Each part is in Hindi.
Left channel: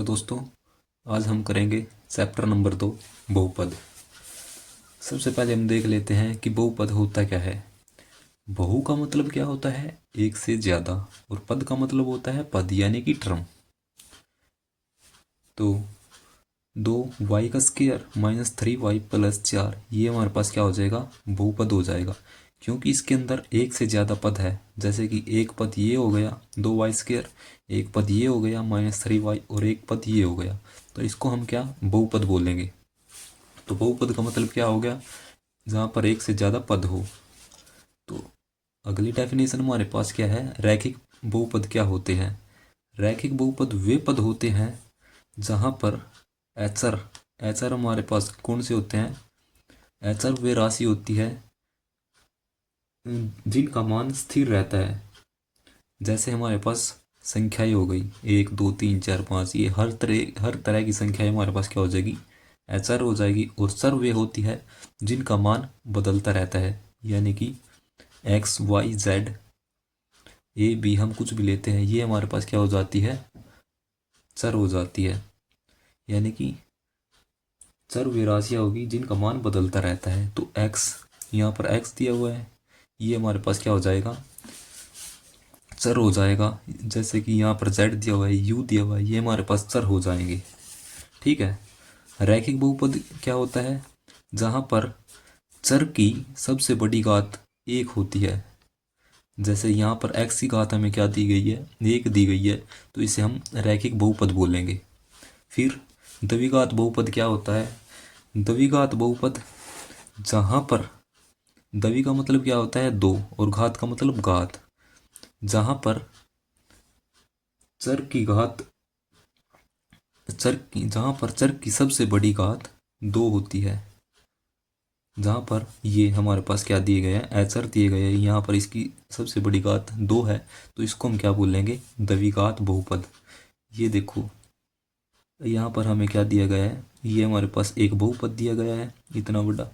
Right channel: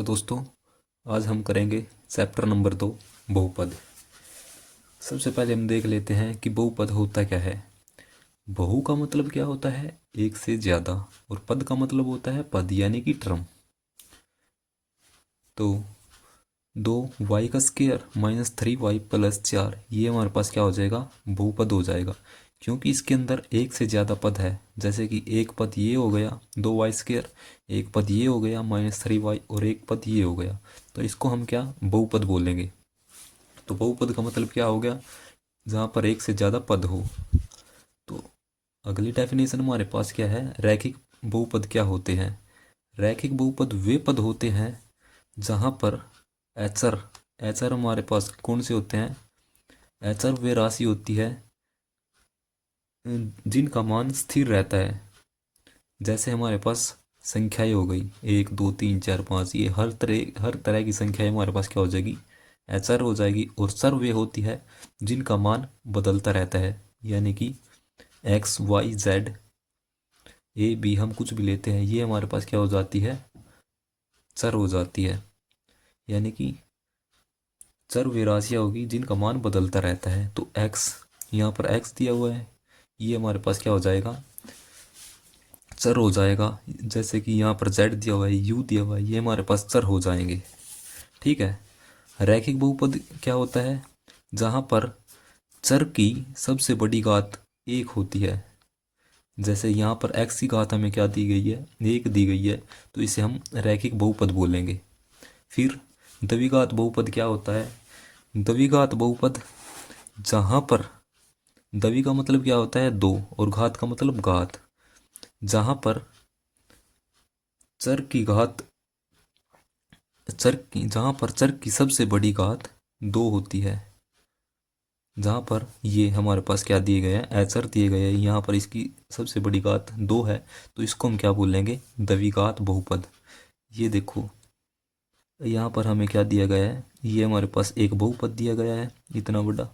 हेलो दोस्तों, आज हम करेंगे चैप्टर नंबर 2 बहुपद। सबसे पहले हम देख लेते हैं कि बहुपद होता क्या है। बहु का मतलब क्या होता है? एक से ज़्यादा। और पद का मतलब होता है पद यानी कि टर्म। तो 2y² माइनस 3y प्लस 4 ये हमारे पास क्या हो जाएगा? बहुपद हो जाएगा, क्योंकि इसके अंदर एक से ज़्यादा पद है। जैसे कि एक पद ये हो गया 2y², एक पद ये हो गया -3y और एक पद ये हो गया, तो इसको हम क्या बहुपद बोलेंगे। तो बहुपद का मतलब क्या हो गया? जहाँ पर एक से ज़्यादा पद हो। तो अगली डेफिनेशन हमारे पास क्या है? रैखिक बहुपद क्या होते हैं? रैखिक बहुपद वे पद होते हैं जहाँ पर एचर एचर हमारे पास कौन से होते हैं? एचर वे राशि होती है जिनका मान स्थिर रहता है। जैसे हमारे पास संख्याएं हो गई 1 2 3 4 5, ये हर तरह की संख्याएं हमारे पास क्या हो जाएगी? एचर हो जाएगी। और चर वे होती है जिनका मान बदलता रहता है, यानी कि X Y Z A B हम कुछ भी लेते हैं, ये हमारे पास क्या हो जाती है? चर हो जाती है। यानी कि चर वे राशियाँ होगी जिनका मान बदलता रहता है। तो एक्स, यहाँ पर एक्स दिया हुआ है, ये हमारे पास क्या हो जाएगा? चर हो जाएगा। जैसे कि यहाँ पर जेड दिया हुआ है, यू दिया हुआ है, ये हमारे पास चर हो जाएंगे। ठीक है। रैखिक बहुपद क्या होता है? जहाँ पर चर की सबसे बड़ी घात एक होती है। जैसे यहाँ पर एक्स की घात हमें क्या दी गई है? एक दी गई है, तो इसे हम रैखिक बहुपद बोलेंगे। फिर द्विघात बहुपद क्या होता है? द्विघात बहुपद जहाँ पर द्वि का मतलब क्या होता है? दो, और घात का मतलब घात। जहाँ पर चर की घात जहाँ पर चर की सबसे बड़ी घात दो होती है। जहाँ पर ये हमारे पास क्या दिए गए हैं? एचर दिए गए हैं, यहाँ पर इसकी सबसे बड़ी घात दो है, तो इसको हम क्या बोलेंगे? द्विघात बहुपद। ये देखो, यहाँ पर हमें क्या दिया गया है? ये हमारे पास एक बहुपद दिया गया है इतना बड़ा,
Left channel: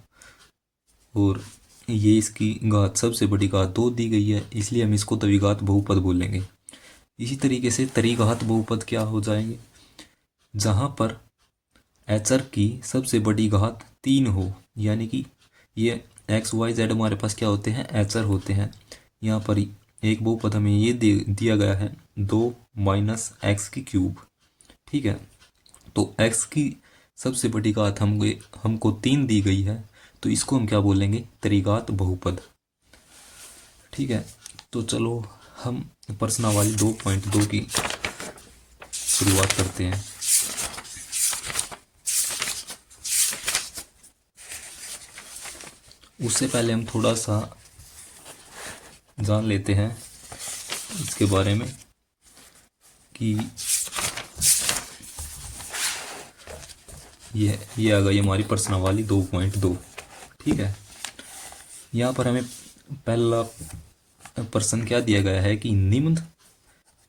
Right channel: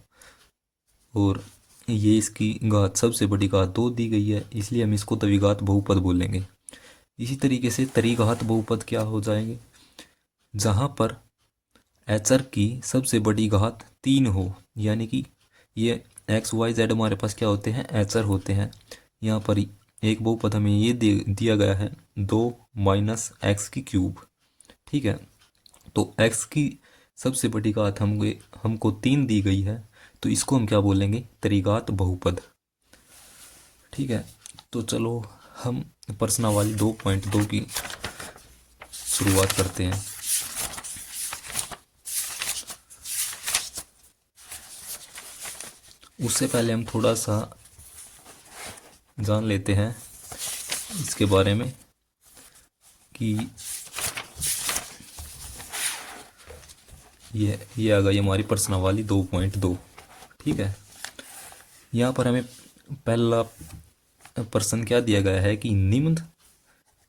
और ये इसकी घात सबसे बड़ी घात दो दी गई है, इसलिए हम इसको द्विघात बहुपद बोलेंगे। इसी तरीके से त्रिघात बहुपद क्या हो जाएंगे? जहाँ पर एचर की सबसे बड़ी घात तीन हो, यानी कि ये एक्स वाई जेड हमारे पास क्या होते हैं? एचर होते हैं। यहाँ पर एक बहुपद हमें ये दिया गया है 2 - x³ ठीक है। तो x की सबसे बड़ी घात हमको तीन दी गई है, तो इसको हम क्या बोलेंगे? त्रिघात बहुपद। ठीक है। तो चलो हम प्रश्नावली 2.2 की शुरुआत करते हैं। उससे पहले हम थोड़ा सा जान लेते हैं इसके बारे में कि ये आ गई हमारी प्रश्नावली 2.2। ठीक है। यहाँ पर हमें पहला प्रश्न क्या दिया गया है कि निम्न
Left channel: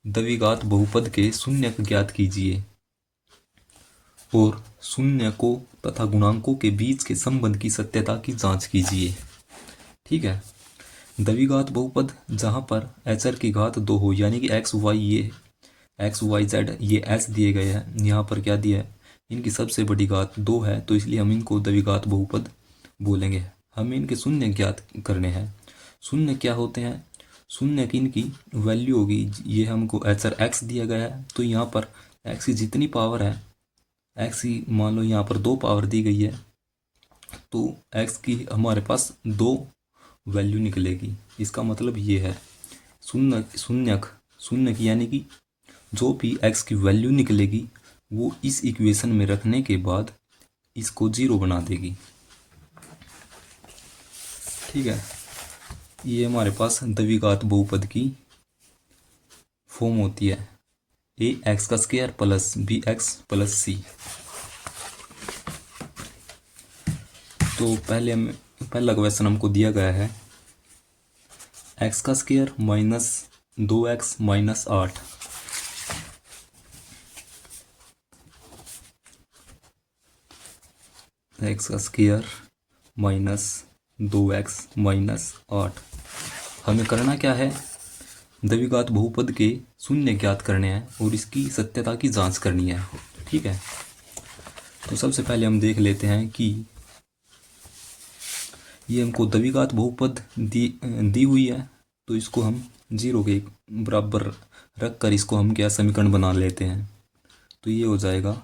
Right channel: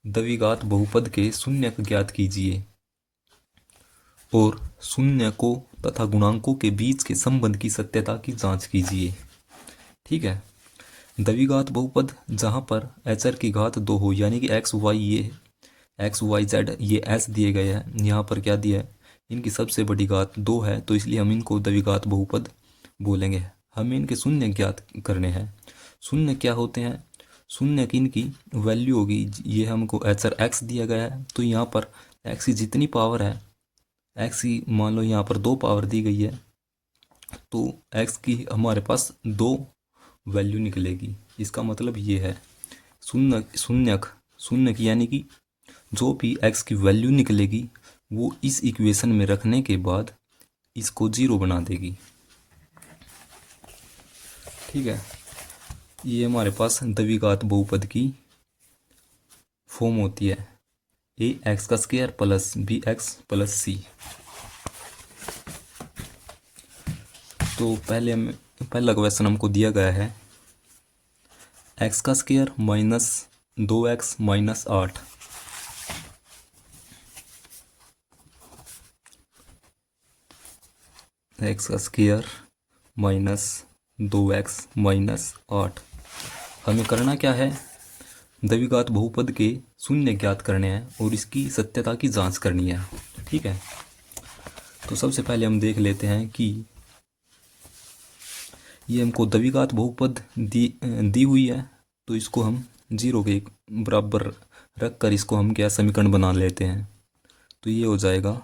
द्विघात बहुपद के शून्यक ज्ञात कीजिए और शून्यकों तथा गुणांकों के बीच के संबंध की सत्यता की जांच कीजिए। ठीक है। द्विघात बहुपद जहाँ पर एचर की घात दो हो, यानी कि एक्स वाई, ये एक्स वाई जेड ये एस दिए गए हैं, यहाँ पर क्या दिया है? इनकी सबसे बड़ी घात दो है, तो इसलिए हम इनको द्विघात बहुपद बोलेंगे। हमें इनके शून्य ज्ञात करने हैं। शून्य क्या होते हैं? शून्य की इनकी वैल्यू होगी, ये हमको एचर एक्स दिया गया है, तो यहाँ पर एक्स की जितनी पावर है, एक्स की मान लो यहाँ पर दो पावर दी गई है, तो एक्स की हमारे पास दो वैल्यू निकलेगी। इसका मतलब ये है शून्य की, यानी कि जो भी एक्स की वैल्यू निकलेगी वो इस इक्वेशन में रखने के बाद इसको जीरो बना देगी। ठीक है। ये हमारे पास द्विघात बहुपद की फॉर्म होती है ax² plus bx plus c। तो पहला क्वेश्चन हमको दिया गया है x² minus 2x minus 8। x² minus 2x minus 8। हमें करना क्या है? द्विघात बहुपद के शून्य ज्ञात करने हैं और इसकी सत्यता की जांच करनी है। ठीक है। तो सबसे पहले हम देख लेते हैं कि ये हमको द्विघात बहुपद दी हुई है, तो इसको हम 0 के बराबर रख कर इसको हम क्या समीकरण बना लेते हैं। तो ये हो जाएगा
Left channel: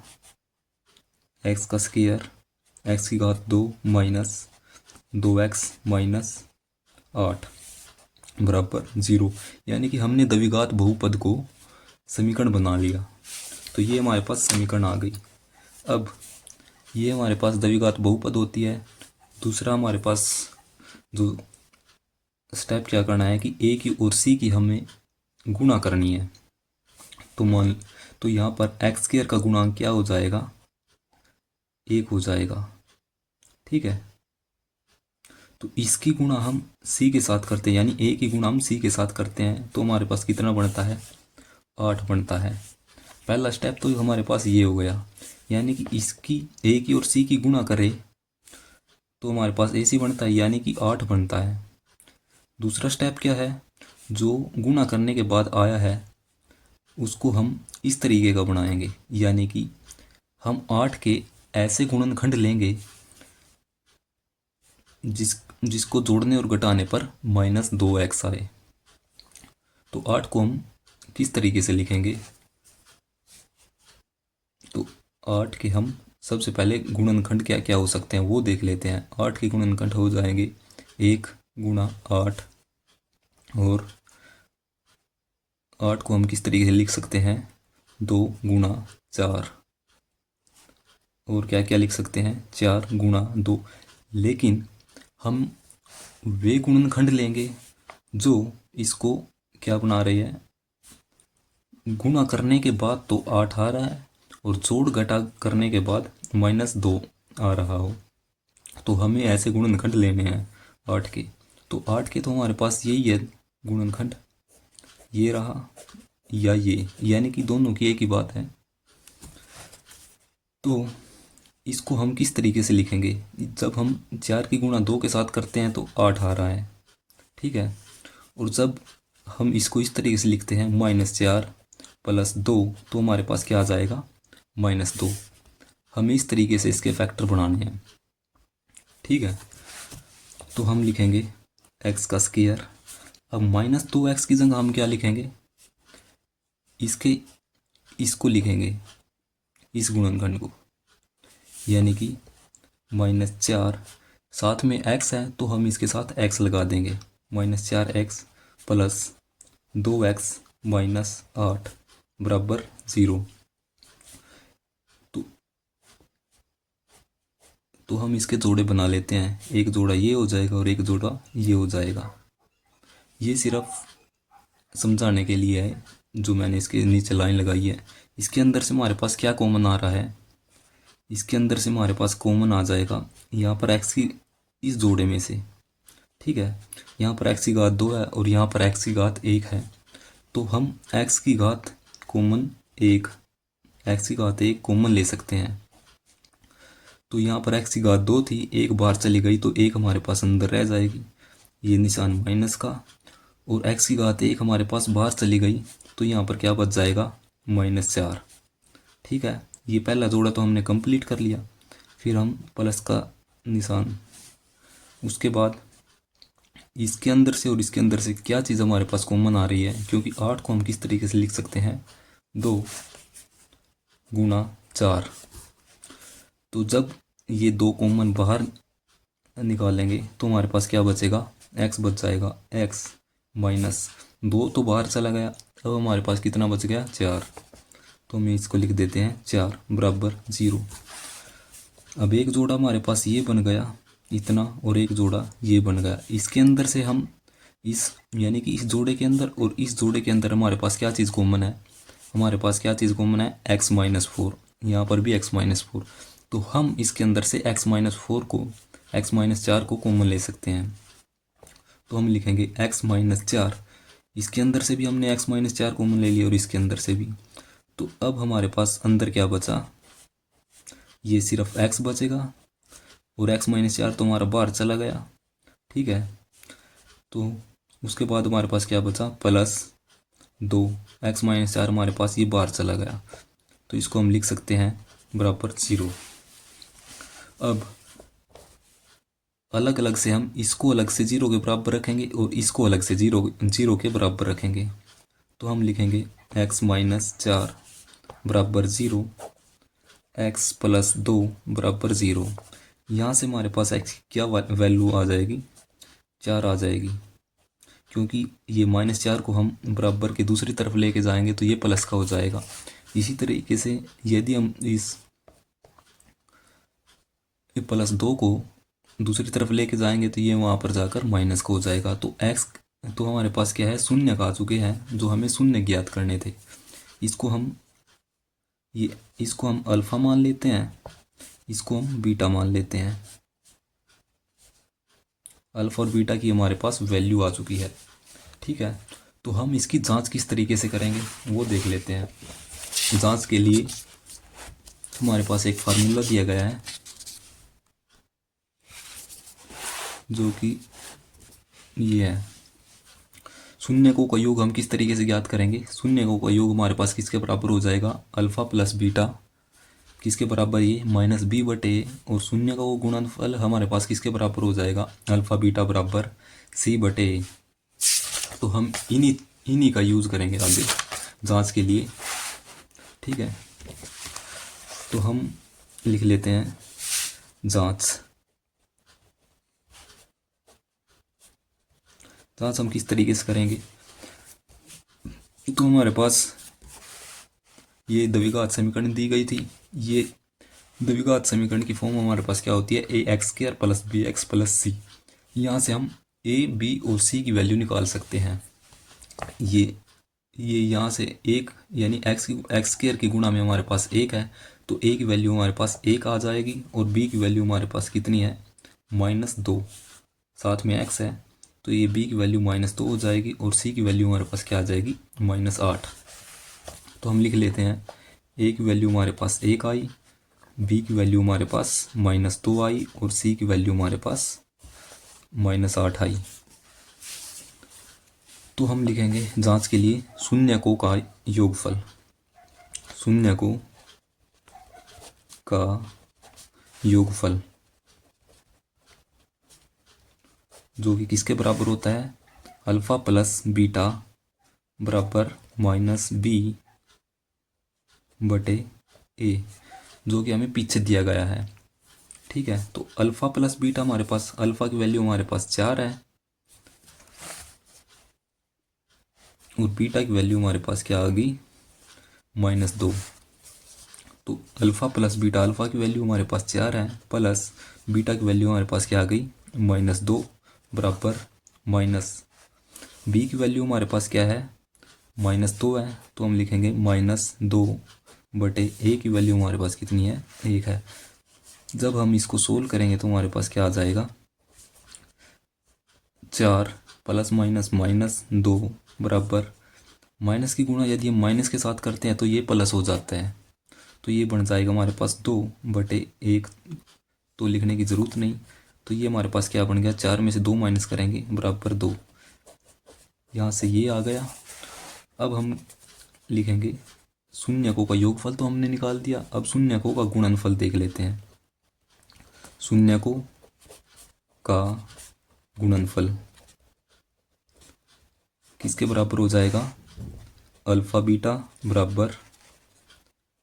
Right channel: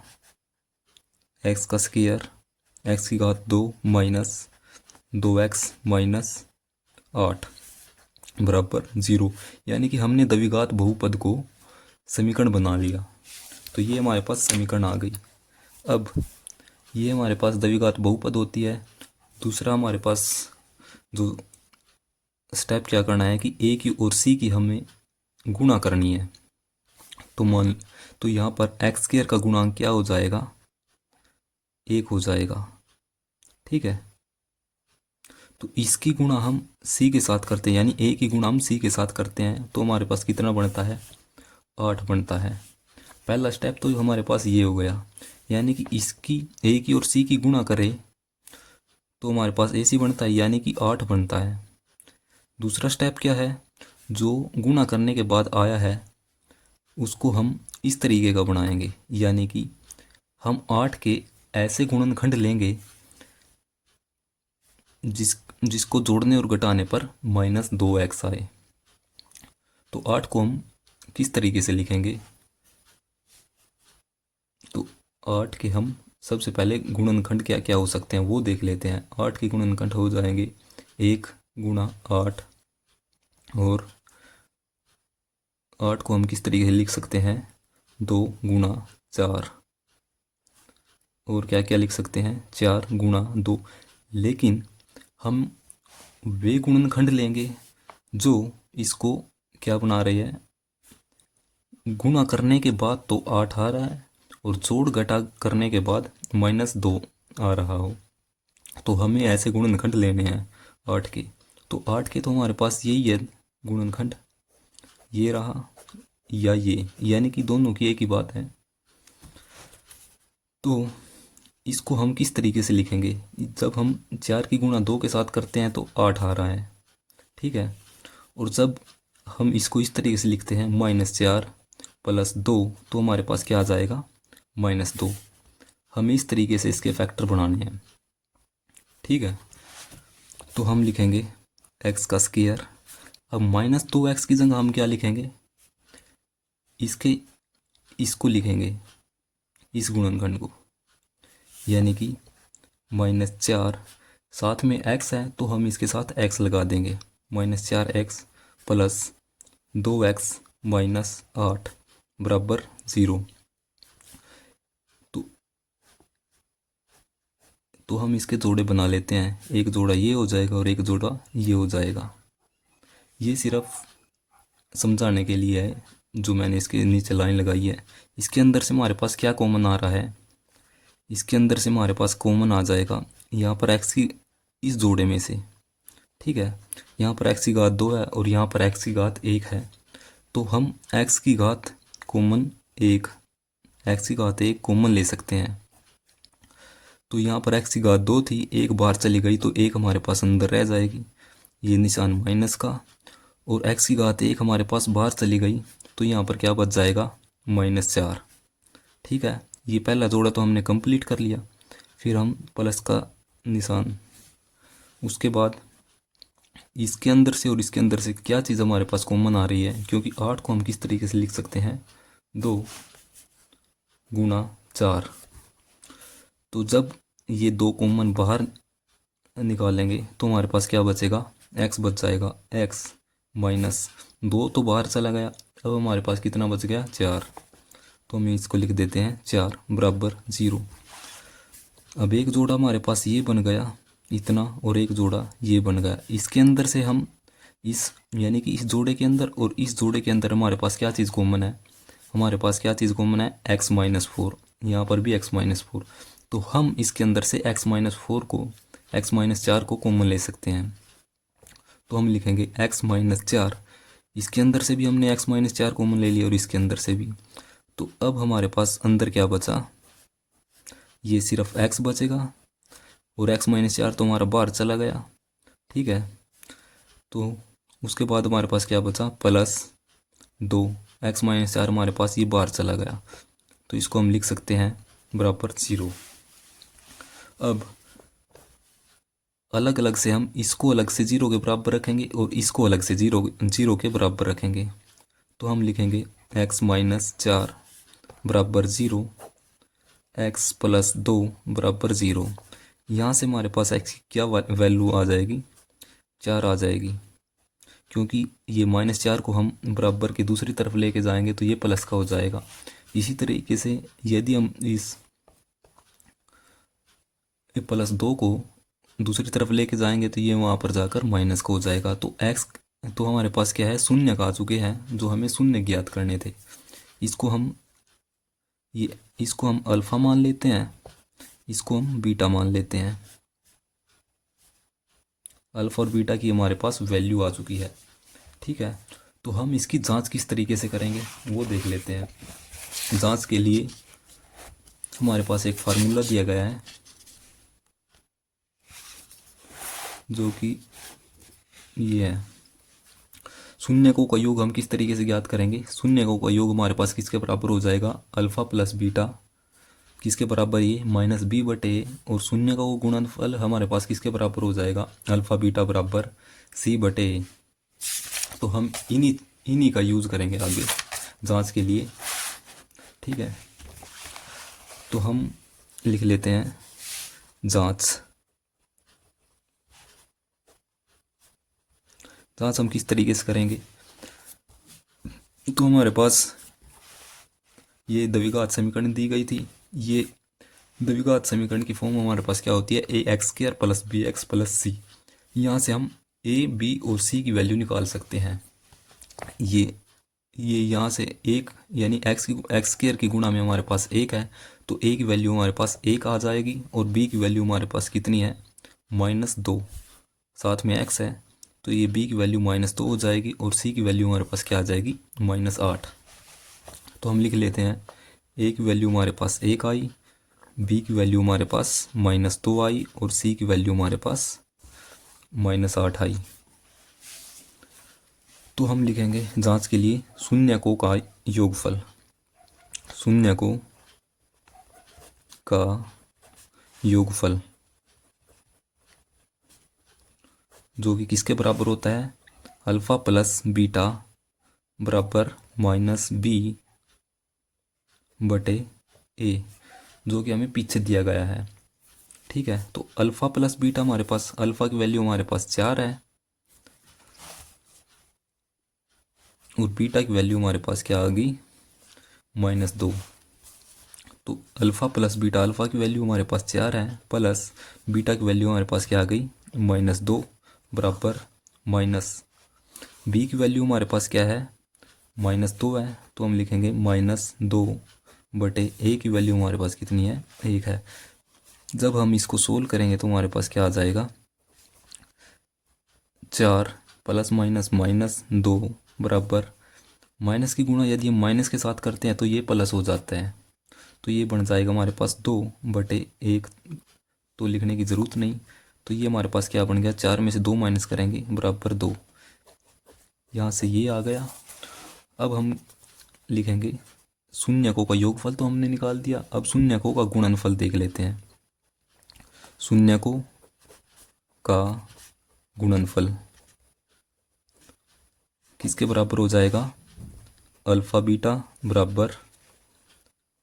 एक्स का स्क्वायर एक्स की घात 2 माइनस 2x माइनस 8 बराबर 0। यानी कि हमने द्विघात बहुपद को समीकरण बना लिया। तो ये हमारे पास समीकरण आ गई। अब ये हमारे पास द्विघात बहुपद होती है। दूसरा हमारे पास जो स्टेप क्या करना है कि ए की और सी की हमें गुणा करनी है। तो यहाँ पर एक्स स्क्वायर का गुणांक क्या हो जाएगा, 1 हो जाएगा। ठीक है। तो इसकी गुणा हम सी के साथ करते हैं, यानी ए की गुणा हम सी के साथ करते हैं, तो हमारे पास कितना बनता है, 8 बनता है। पहला स्टेप तो हमारे पास ये हो गया, यानी कि इसकी ए की और सी की गुणा करें तो हमारे पास ए सी बनता है, यानी कि 8 बनता है। दूसरा स्टेप क्या है, जो गुणा करने के बाद आया है उसको हम इस तरीके का बनाएंगे, यानी कि हम 8 के ऐसे गुणनखंड लेंगे जिसको जोड़ने और घटाने पर -2x आए। तो 8 को हम किस तरीके से लिखेंगे, तो 8 के हम सबसे पहले गुणनखंड क्या क्या हो सकते हैं वो देख लेते हैं। 8 के गुणनखंड हो जाएंगे 1 गुणा 8, और 8 को हम किस तरीके से लिख सकते हैं, 2 गुणा 4, और क्या क्या लिख सकते हैं, 4 गुणा 2। लेकिन हम वे गुणनखंड लेंगे जो इसको क्या बना रहे हैं, गुणा करने के बाद तो 8 आ रहा है और जोड़ घटा करने के बाद -2 आ रहा हो। तो हमें ऐसे गुणनखंड लेने हैं 8 के। तो 8 के तो हमारे पास यही है गुणनखंड, ये रहा या ये, यानी कि दोनों की एक ही बात है। तो इसको हम किस तरीके से लिखेंगे, जब हम 4 की गुणा 2 के साथ करते हैं तो 8 आ रहा है। ठीक है। और जब हम इसको इस तरीके से लिखते हैं -4 + 2, तो हमारे पास क्या आ जाएगा, -2। हमें इस तरीके से इसके फैक्टर बनाने हैं। ठीक है। तो हम लिखेंगे एक्स का स्क्वायर। अब -2x की जगह हम क्या लिखेंगे, इसको लिखेंगे, इस गुणनखंड को, यानी कि -4, साथ में x है तो हम इसके साथ x लगा देंगे, -4x + 2x माइनस 8 बराबर 0। तो हम इसके जोड़े बना लेते हैं, एक जोड़ा ये हो जाएगा और एक जोड़ा ये हो जाएगा। ये सिर्फ समझाने के लिए है जो मैंने इसके नीचे लाइन लगाई है। इसके अंदर से हमारे पास क्या कॉमन आ रहा है, इसके अंदर से हमारे पास कॉमन आ जाएगा यहाँ पर x की इस जोड़े में से। ठीक है। यहाँ पर x की घात 2 है और यहाँ पर x की घात 1 है, तो हम x की घात कॉमन 1, x की घात 1 कॉमन ले सकते हैं। तो यहाँ पर x की घात 2 थी, एक बाहर चली गई तो 1 हमारे पास अंदर रह जाएगी, ये निशान माइनस का, और x की घात 1 हमारे पास बाहर चली गई तो यहाँ पर क्या बच जाएगा, -4। ठीक है। ये पहला जोड़ा तो हमने कंप्लीट कर लिया। फिर हम प्लस का निशान, उसके बाद इसके अंदर से और इसके अंदर से क्या चीज़ हमारे पास कॉमन आ रही है, क्योंकि 8 को हम किस तरीके से लिख सकते हैं, 2 गुणा 4। तो जब ये 2 कॉमन बाहर निकालेंगे तो हमारे पास क्या बचेगा, x बच जाएगा, x -2 तो बाहर चला गया, अब हमारे पास कितना बच गया, 4। तो हम इसको लिख देते हैं 4 बराबर 0। अब एक जोड़ा हमारे पास ये बन गया इतना, और एक जोड़ा ये बन गया। इसके अंदर से हम इस, यानी कि इस जोड़े के अंदर और इस जोड़े के अंदर हमारे पास क्या चीज़ कॉमन है, हमारे पास क्या चीज़ कॉमन है, x -4। यहाँ पर भी x -4, तो हम इसके अंदर से x -4 को, x -4 को कॉमन ले सकते हैं। तो हम लिखेंगे x -4, इसके अंदर से भी हमने x -4 कॉमन ले लिया और इसके अंदर से भी। तो अब हमारे पास अंदर क्या बचा, ये सिर्फ x बचेगा, और x -4 तो हमारा बाहर चला गया। ठीक है। तो उसके बाद हमारे पास क्या बचा, +2, x -4 हमारे पास ये बाहर चला गया। तो इसको हम लिख सकते हैं बराबर 0। अब अलग अलग से हम इसको अलग से 0 के बराबर रखेंगे और इसको अलग से 0 के बराबर रखेंगे। तो हम लिखेंगे x-4 बराबर 0, x प्लस 2 बराबर 0। यहाँ से हमारे पास x की क्या वैल्यू आ जाएगी, 4 आ जाएगी, क्योंकि ये -4 को हम बराबर के दूसरी तरफ लेके जाएंगे तो ये प्लस का हो जाएगा। इसी तरीके से यदि हम इस +2 को दूसरी तरफ लेके जाएंगे तो ये वहाँ पर जाकर माइनस का हो जाएगा। तो x तो हमारे पास क्या है, शून्य का आ चुके हैं, जो हमें शून्य ज्ञात करने थे। इसको हम अल्फा मान लेते हैं, इसको हम बीटा मान लेते हैं। अल्फा और बीटा की हमारे पास वैल्यू आ चुकी है। ठीक है, तो हम इसकी जांच किस तरीके से करेंगे वो देख लेते हैं। जांच के लिए हमारे पास एक फार्मूला दिया गया है, जो कि ये है। शून्यकों का योग हम किस तरीके से ज्ञात करेंगे, शून्यकों का योग हमारे पास किसके बराबर हो जाएगा, अल्फा प्लस बीटा किसके बराबर, ये -b/a, और शून्य का वो गुणनफल हमारे पास किसके बराबर हो जाएगा, अल्फा बीटा बराबर c/a। तो हम इन्हीं का यूज करेंगे आगे जांच के लिए। ठीक है, तो हम लिख लेते हैं जांच हम किस तरीके से करेंगे। तो हमारे पास ये द्विघात समीकरण दी गई थी। ये द्विघात समीकरण की फॉर्म हमारे पास क्या होती है, ax² + bx + c। यहाँ से हम a, b और c की वैल्यू निकाल सकते हैं। ये यहाँ से एक यानी x² की गुणा में हमारे पास 1 है, तो a की वैल्यू हमारे पास 1 आ जाएगी, और b की वैल्यू हमारे पास कितनी है, -2, साथ में x है, तो ये b की वैल्यू -2 हो जाएगी, और c की वैल्यू हमारे पास क्या आ जाएगी, -8। तो हम लिख लेते हैं a की वैल्यू हमारे पास 1 आई, b की वैल्यू हमारे पास -2 आई, और c की वैल्यू हमारे पास -8 आई। तो हम लिखेंगे जांच के लिए शून्यकों का योगफल, शून्यकों का योगफल जो कि किसके बराबर होता है, अल्फा प्लस बीटा बराबर -b/a, जो कि हमें पीछे दिया गया है। ठीक है, तो अल्फा प्लस बीटा हमारे पास, अल्फा की वैल्यू हमारे पास 4 है, और बीटा की वैल्यू हमारे पास क्या आ गई, -2। तो अल्फा प्लस बीटा, अल्फा की वैल्यू हमारे पास 4 है, प्लस बीटा की वैल्यू हमारे पास क्या आ गई, -2 बराबर बी की वैल्यू हमारे पास क्या है, -2 है, तो हम लिखेंगे -2/a की वैल्यू हमारे पास कितनी है, 1 है। जब हम इसको सोल्व करेंगे तो हमारे पास क्या आ जाएगा, 4 ± -2 बराबर, माइनस की गुणा यदि हम माइनस के साथ करते हैं तो ये प्लस हो जाता है, तो ये बन जाएगा हमारे पास 2/1, तो लिखने की ज़रूरत नहीं। तो ये हमारे पास क्या बन गया, 4 में से 2 माइनस करेंगे बराबर 2, यहाँ से ये आ गया। अब हम लिखेंगे शून्यकों का योगफल तो हमने निकाल दिया, अब शून्यकों का गुणनफल देख लेते हैं। शून्यकों का गुणनफल किसके बराबर हो जाएगा, अल्फा बीटा बराबर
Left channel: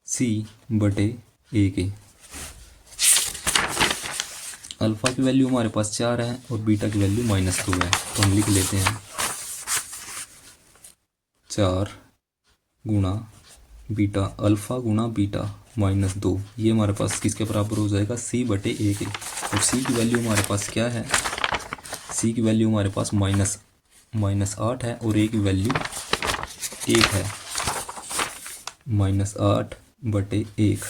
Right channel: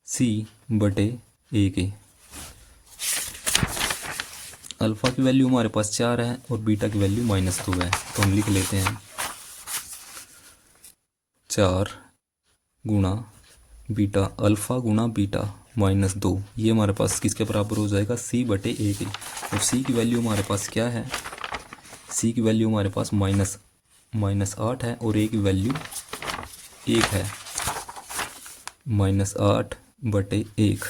c/a के। अल्फा की वैल्यू हमारे पास 4 है और बीटा की वैल्यू -2 है, तो हम लिख लेते हैं 4 गुणा बीटा, अल्फा गुणा बीटा -2, ये हमारे पास किसके बराबर हो जाएगा, c/a के। और c की वैल्यू हमारे पास क्या है, c की वैल्यू हमारे पास -8 है, और a की वैल्यू 1 है, -8/1।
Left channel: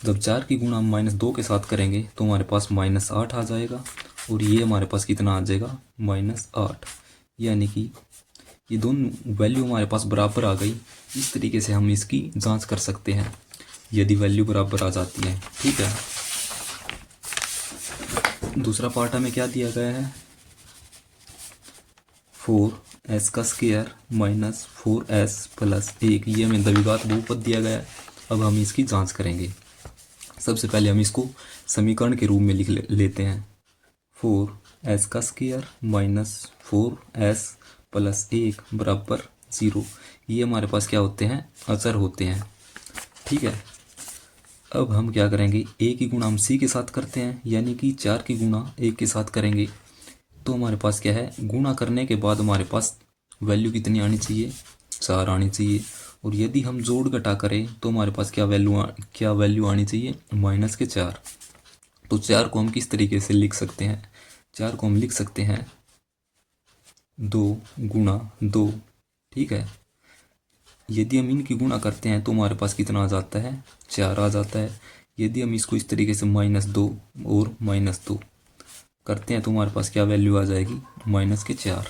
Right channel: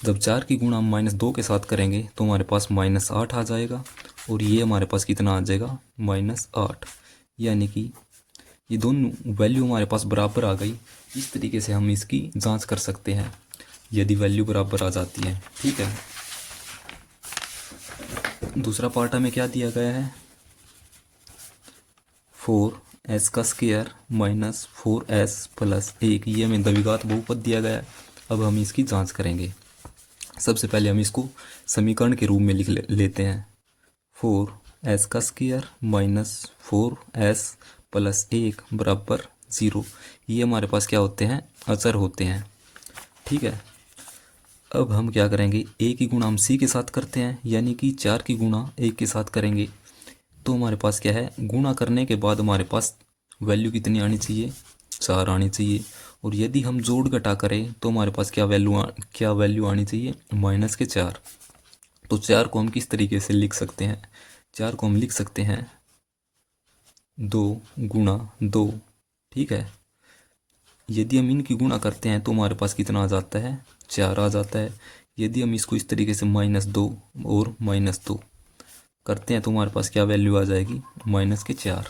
जब 4 की गुणा हम -2 के साथ करेंगे तो हमारे पास -8 आ जाएगा, और ये हमारे पास कितना आ जाएगा, -8। यानी कि ये दोनों वैल्यू हमारे पास बराबर आ गई। इस तरीके से हम इसकी जांच कर सकते हैं यदि वैल्यू बराबर आ जाती है। ठीक है, दूसरा पार्ट हमें क्या दिया गया है, 4 एस का स्क्वायर माइनस 4s प्लस 1, ये हमें द्विघात बहुपद दिया गया है। अब हम इसकी जांच करेंगे। सबसे पहले हम इसको समीकरण के रूप में लिख लेते हैं। 4s का स्क्वायर माइनस 4s प्लस 1 बराबर 0। ये हमारे पास क्या होते हैं, अचर होते हैं। ठीक है, अब हम क्या करेंगे, a की गुणा हम c के साथ करते हैं, यानी कि 4 की गुणा 1 के साथ करेंगे। तो हमारे पास क्या है, गुणा करने के बाद हमारे पास वैल्यू कितनी आनी चाहिए, 4 आनी चाहिए। और यदि हम जोड़ घटा करें तो हमारे पास क्या वैल्यू आनी चाहिए, माइनस के 4। तो 4 को हम किस तरीके से लिख सकते हैं, 4 को हम लिख सकते हैं 2 गुणा 2। ठीक है, यदि हम इनकी गुणा करते हैं तो हमारे पास कितना आ जाता है, 4 आ जाता है। यदि हम इसको इस तरीके से -2 और -2 करते हैं तो हमारे पास क्या वैल्यू आ जाएगी, माइनस के 4।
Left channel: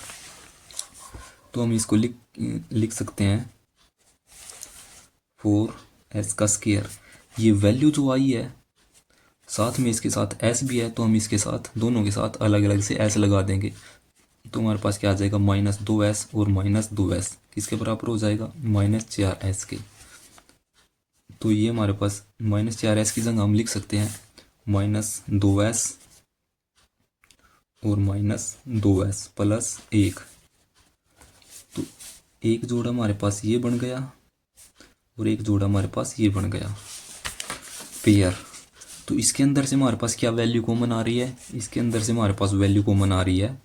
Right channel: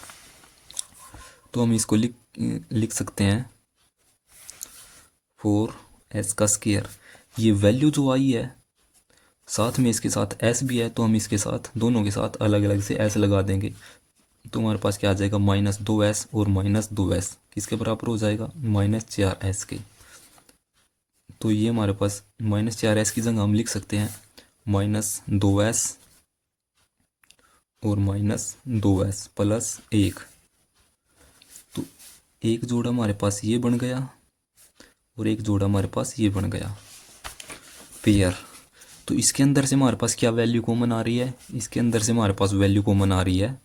तो हम इसको लिख सकते हैं 4s का स्क्वायर। ये वैल्यू जो आई है, साथ में इसके साथ s भी है, तो हम इसके साथ दोनों के साथ अलग अलग से s लगा देंगे। तो हमारे पास क्या आ जाएगा, -2s और -2s किसके बराबर हो जाएगा, -4s के। तो ये हमारे पास -4s की जगह हम लिख सकते हैं -2s और -2s प्लस 1। तो एक जोड़ा हमारे पास ये बन गया और एक जोड़ा हमारे पास ये बन गया, पेयर। तो इसके अंदर से हमारे पास क्या वैल्यू कॉमन आ रही है, इसके अंदर से हमारे पास वैल्यू कॉमन आ रही है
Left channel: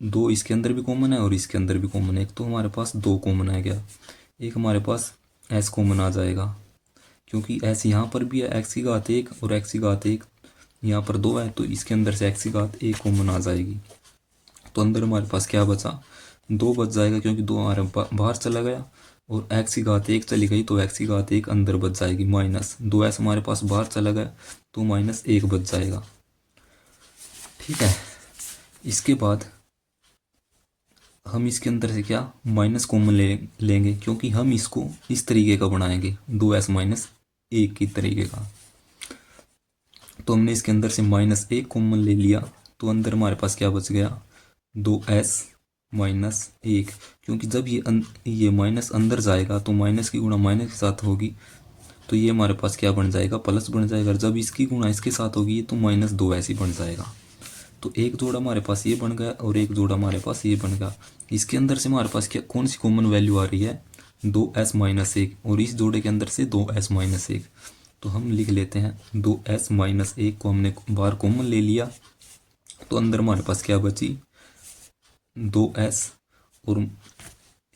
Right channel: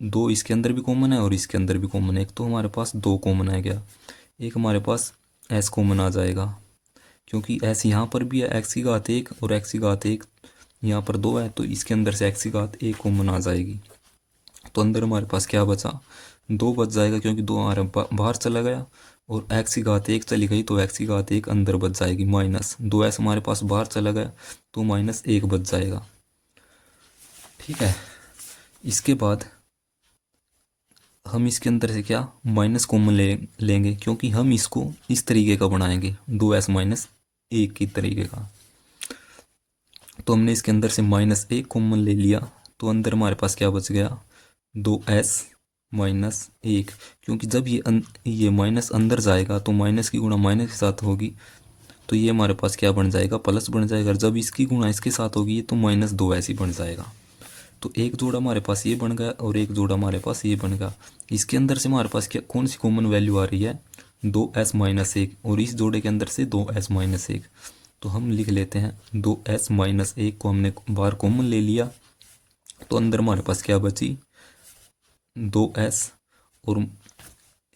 2, इसके अंदर भी कॉमन है और इसके अंदर भी कॉमन है। एक तो हमारे पास 2 कॉमन आ गया, एक हमारे पास s कॉमन आ जाएगा, क्योंकि s यहाँ पर भी है, x की घात 1 और x की घात 1 यहाँ पर 2 है, तो इसके अंदर से x की घात 1 कॉमन आ जाएगी। तो अंदर हमारे पास क्या बचा, 2 बच जाएगा, क्योंकि 2 हमारे बाहर चला गया और x की घात 1 चली गई, तो x की घात 1 अंदर बच जाएगी। -2s हमारे पास बाहर चला गया, तो -1 बच जाएगा। ठीक है, इसके बाद हम इसके अंदर से क्या, माइनस कॉमन लेंगे, क्योंकि हम इसको इस तरीके का बनाएंगे, 2s -1 की तरीके का। तो हमने इसके अंदर से -1 कॉमन ले लिया, तो अंदर हमारे पास क्या बच गया, 2s -1। क्योंकि जब ये माइनस अंदर जाएगा तो माइनस की गुणा माइनस के साथ होगी, तो ये हमारे पास क्या बन जाएगा, प्लस बन जाएगा। जब इसकी गुणा इसके साथ होगी तो -2s ही बन जाएगा। तो एक जोड़ा हमारे पास ये बन गया और एक जोड़ा हमारे पास ये बन गया। इसके अंदर से हमारे पास क्या, कौन सी कॉमन वैल्यू आ रही है, 2s -1, और इस जोड़े के अंदर से 2s -1। तो हम लिख लेते हैं 2s -1 को हमने बाहर कॉमन ले लिया, तो अंदर हमारे पास क्या बची, 2s, और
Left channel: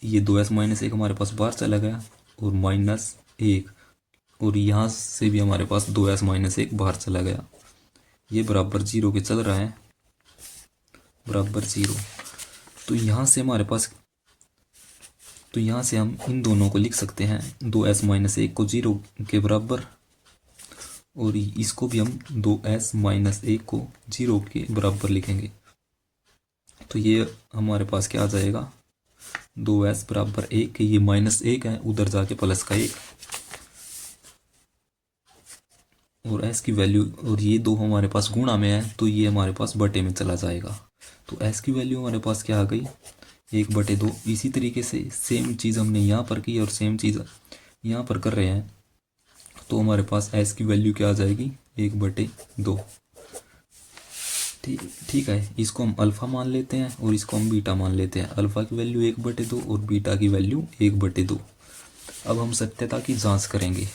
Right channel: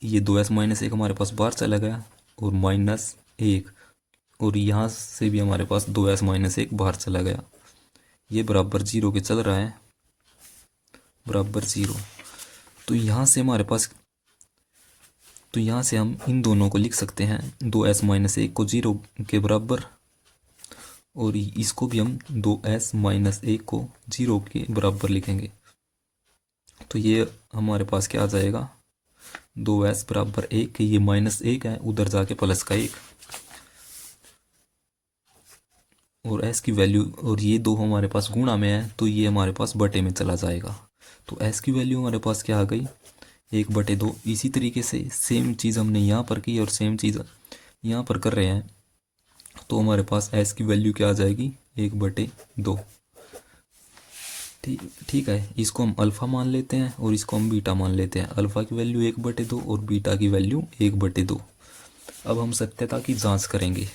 ये 2s -1 हमारे पास बाहर चला गया और -1, और यहाँ से भी हमारे पास 2s -1 बाहर चला गया। ये बराबर 0 के चल रहा है, बराबर 0। तो यहाँ से हमारे पास, तो यहाँ से हम इन दोनों को लिख सकते हैं, 2s -1 को 0 के बराबर, और इसको भी हम 2s -1 को 0 के बराबर लिखेंगे। तो ये हमारे पास क्या आ जाएगा, 2s बराबर 1, ये -1 है, उधर जाके प्लस का 1, और s की वैल्यू, और ये 2 हमारे पास गुणा में है, तो ये हमारे पास बटे में चला जाएगा। तो s की वैल्यू हमारे पास क्या आ गई, 1/2। इसी तरीके से सेम चीज़ हमने यहाँ पर की और सेम चीज़ यहाँ पर कर रहे हैं, तो हमारे पास s की वैल्यू क्या आ जाएगी, 1/2। ठीक है, इसको हम अल्फ़ा मान लेते हैं और इसको हम बीटा मान लेते हैं। अल्फ़ा की वैल्यू 1/2 और बीटा की वैल्यू 1/2। अब हम सत्यता की जांच करेंगे।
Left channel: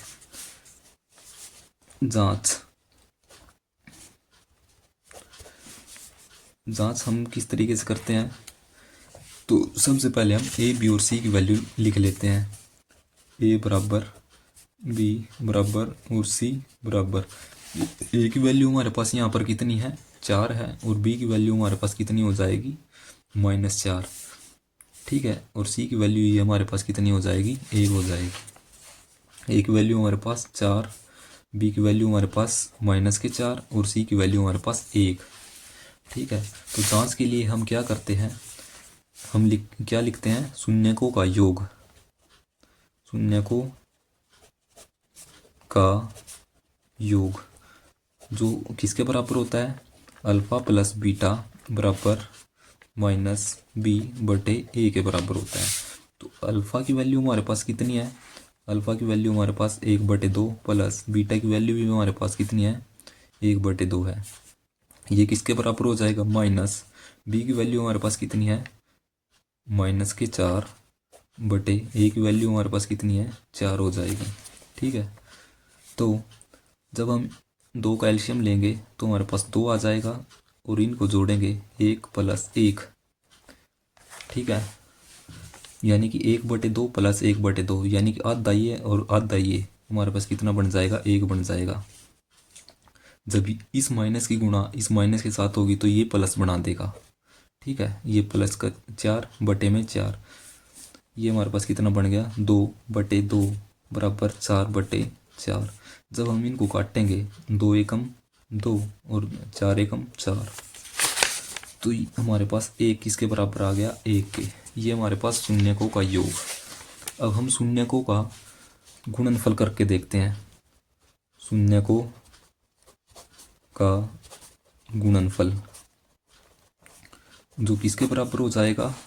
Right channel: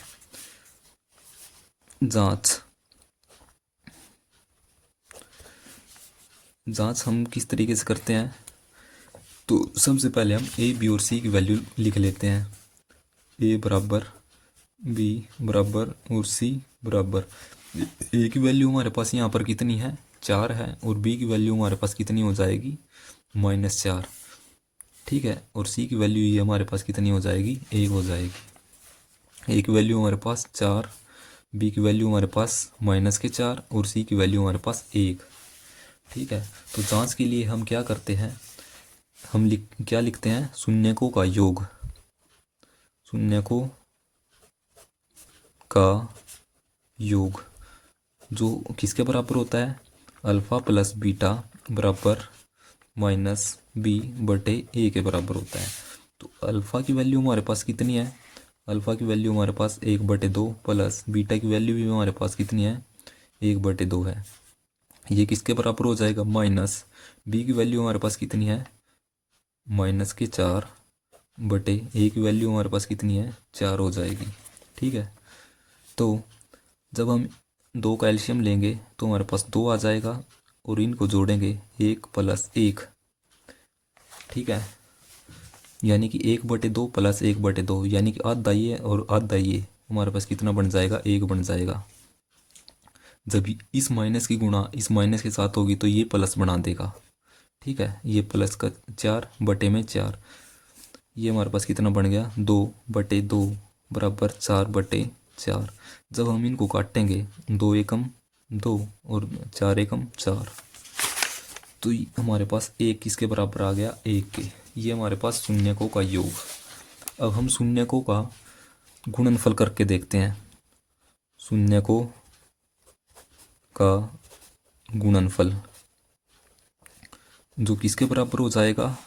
जांच हम किस तरीके से करते हैं, तो सबसे पहले हम a, b और c की वैल्यू लिख लेते हैं। a बराबर, b बराबर और c बराबर। a की वैल्यू हमारे पास यहाँ पर कितनी है, 4 है, और b की वैल्यू हमारे पास कितनी हो जाएगी, -4। ठीक है, और c की वैल्यू ये हमारे पास कितनी हो जाएगी, 1 हो जाएगी। a की वैल्यू हमारे पास 4, b की वैल्यू हमारे पास -4 और c की वैल्यू हमारे पास 1। ठीक है, तो जांच के लिए हम क्या करते हैं, हम क्या लिखते हैं, शून्यकों का योग, शून्यकों का योग जो किसके बराबर होता है, अल्फ़ा प्लस बीटा बराबर माइनस बी बटे ए के बराबर होता है। तो अल्फ़ा की वैल्यू हमारे पास कितनी है? अल्फ़ा की वैल्यू हमारे पास 1/2 प्लस बीटा की वैल्यू भी हमारे पास कितनी है? 1/2 है। ये किसके बराबर हो जाएगा? माइनस बी की वैल्यू हमारे पास कितनी है? -4 बटे ए की वैल्यू हमारे पास कितनी है? 4 हो जाएगी। ठीक है, तो जब हम दो का एलसीएम लेंगे तो हमारे पास 2 आ जाएगा और इनको जोड़ेंगे 1 + 1। ठीक है, यानी कि 1/2 + 1/2 यानी कि आधा ये और आधा ये हमारे पास कितना बन जाएगा? 1 बन जाएगा। जब इस माइनस की गुणा इस माइनस के साथ होगी तो ये प्लस बना देगा। ठीक है, ये प्लस का 4 बटे में 4, ये हमारे पास कितना बन गया? 2/2 बराबर 4/4। जब हम इनको काटेंगे 2 एकम 2 और 4 एकम 4, तो हमारे पास एक किसके बराबर आ गया? 1 के। ये हमारे पास शून्यकों का योग। अब हम शून्यकों का गुणनफल करके देखते हैं। शून्यकों का गुणनफल जो किसके बराबर हो जाएगा?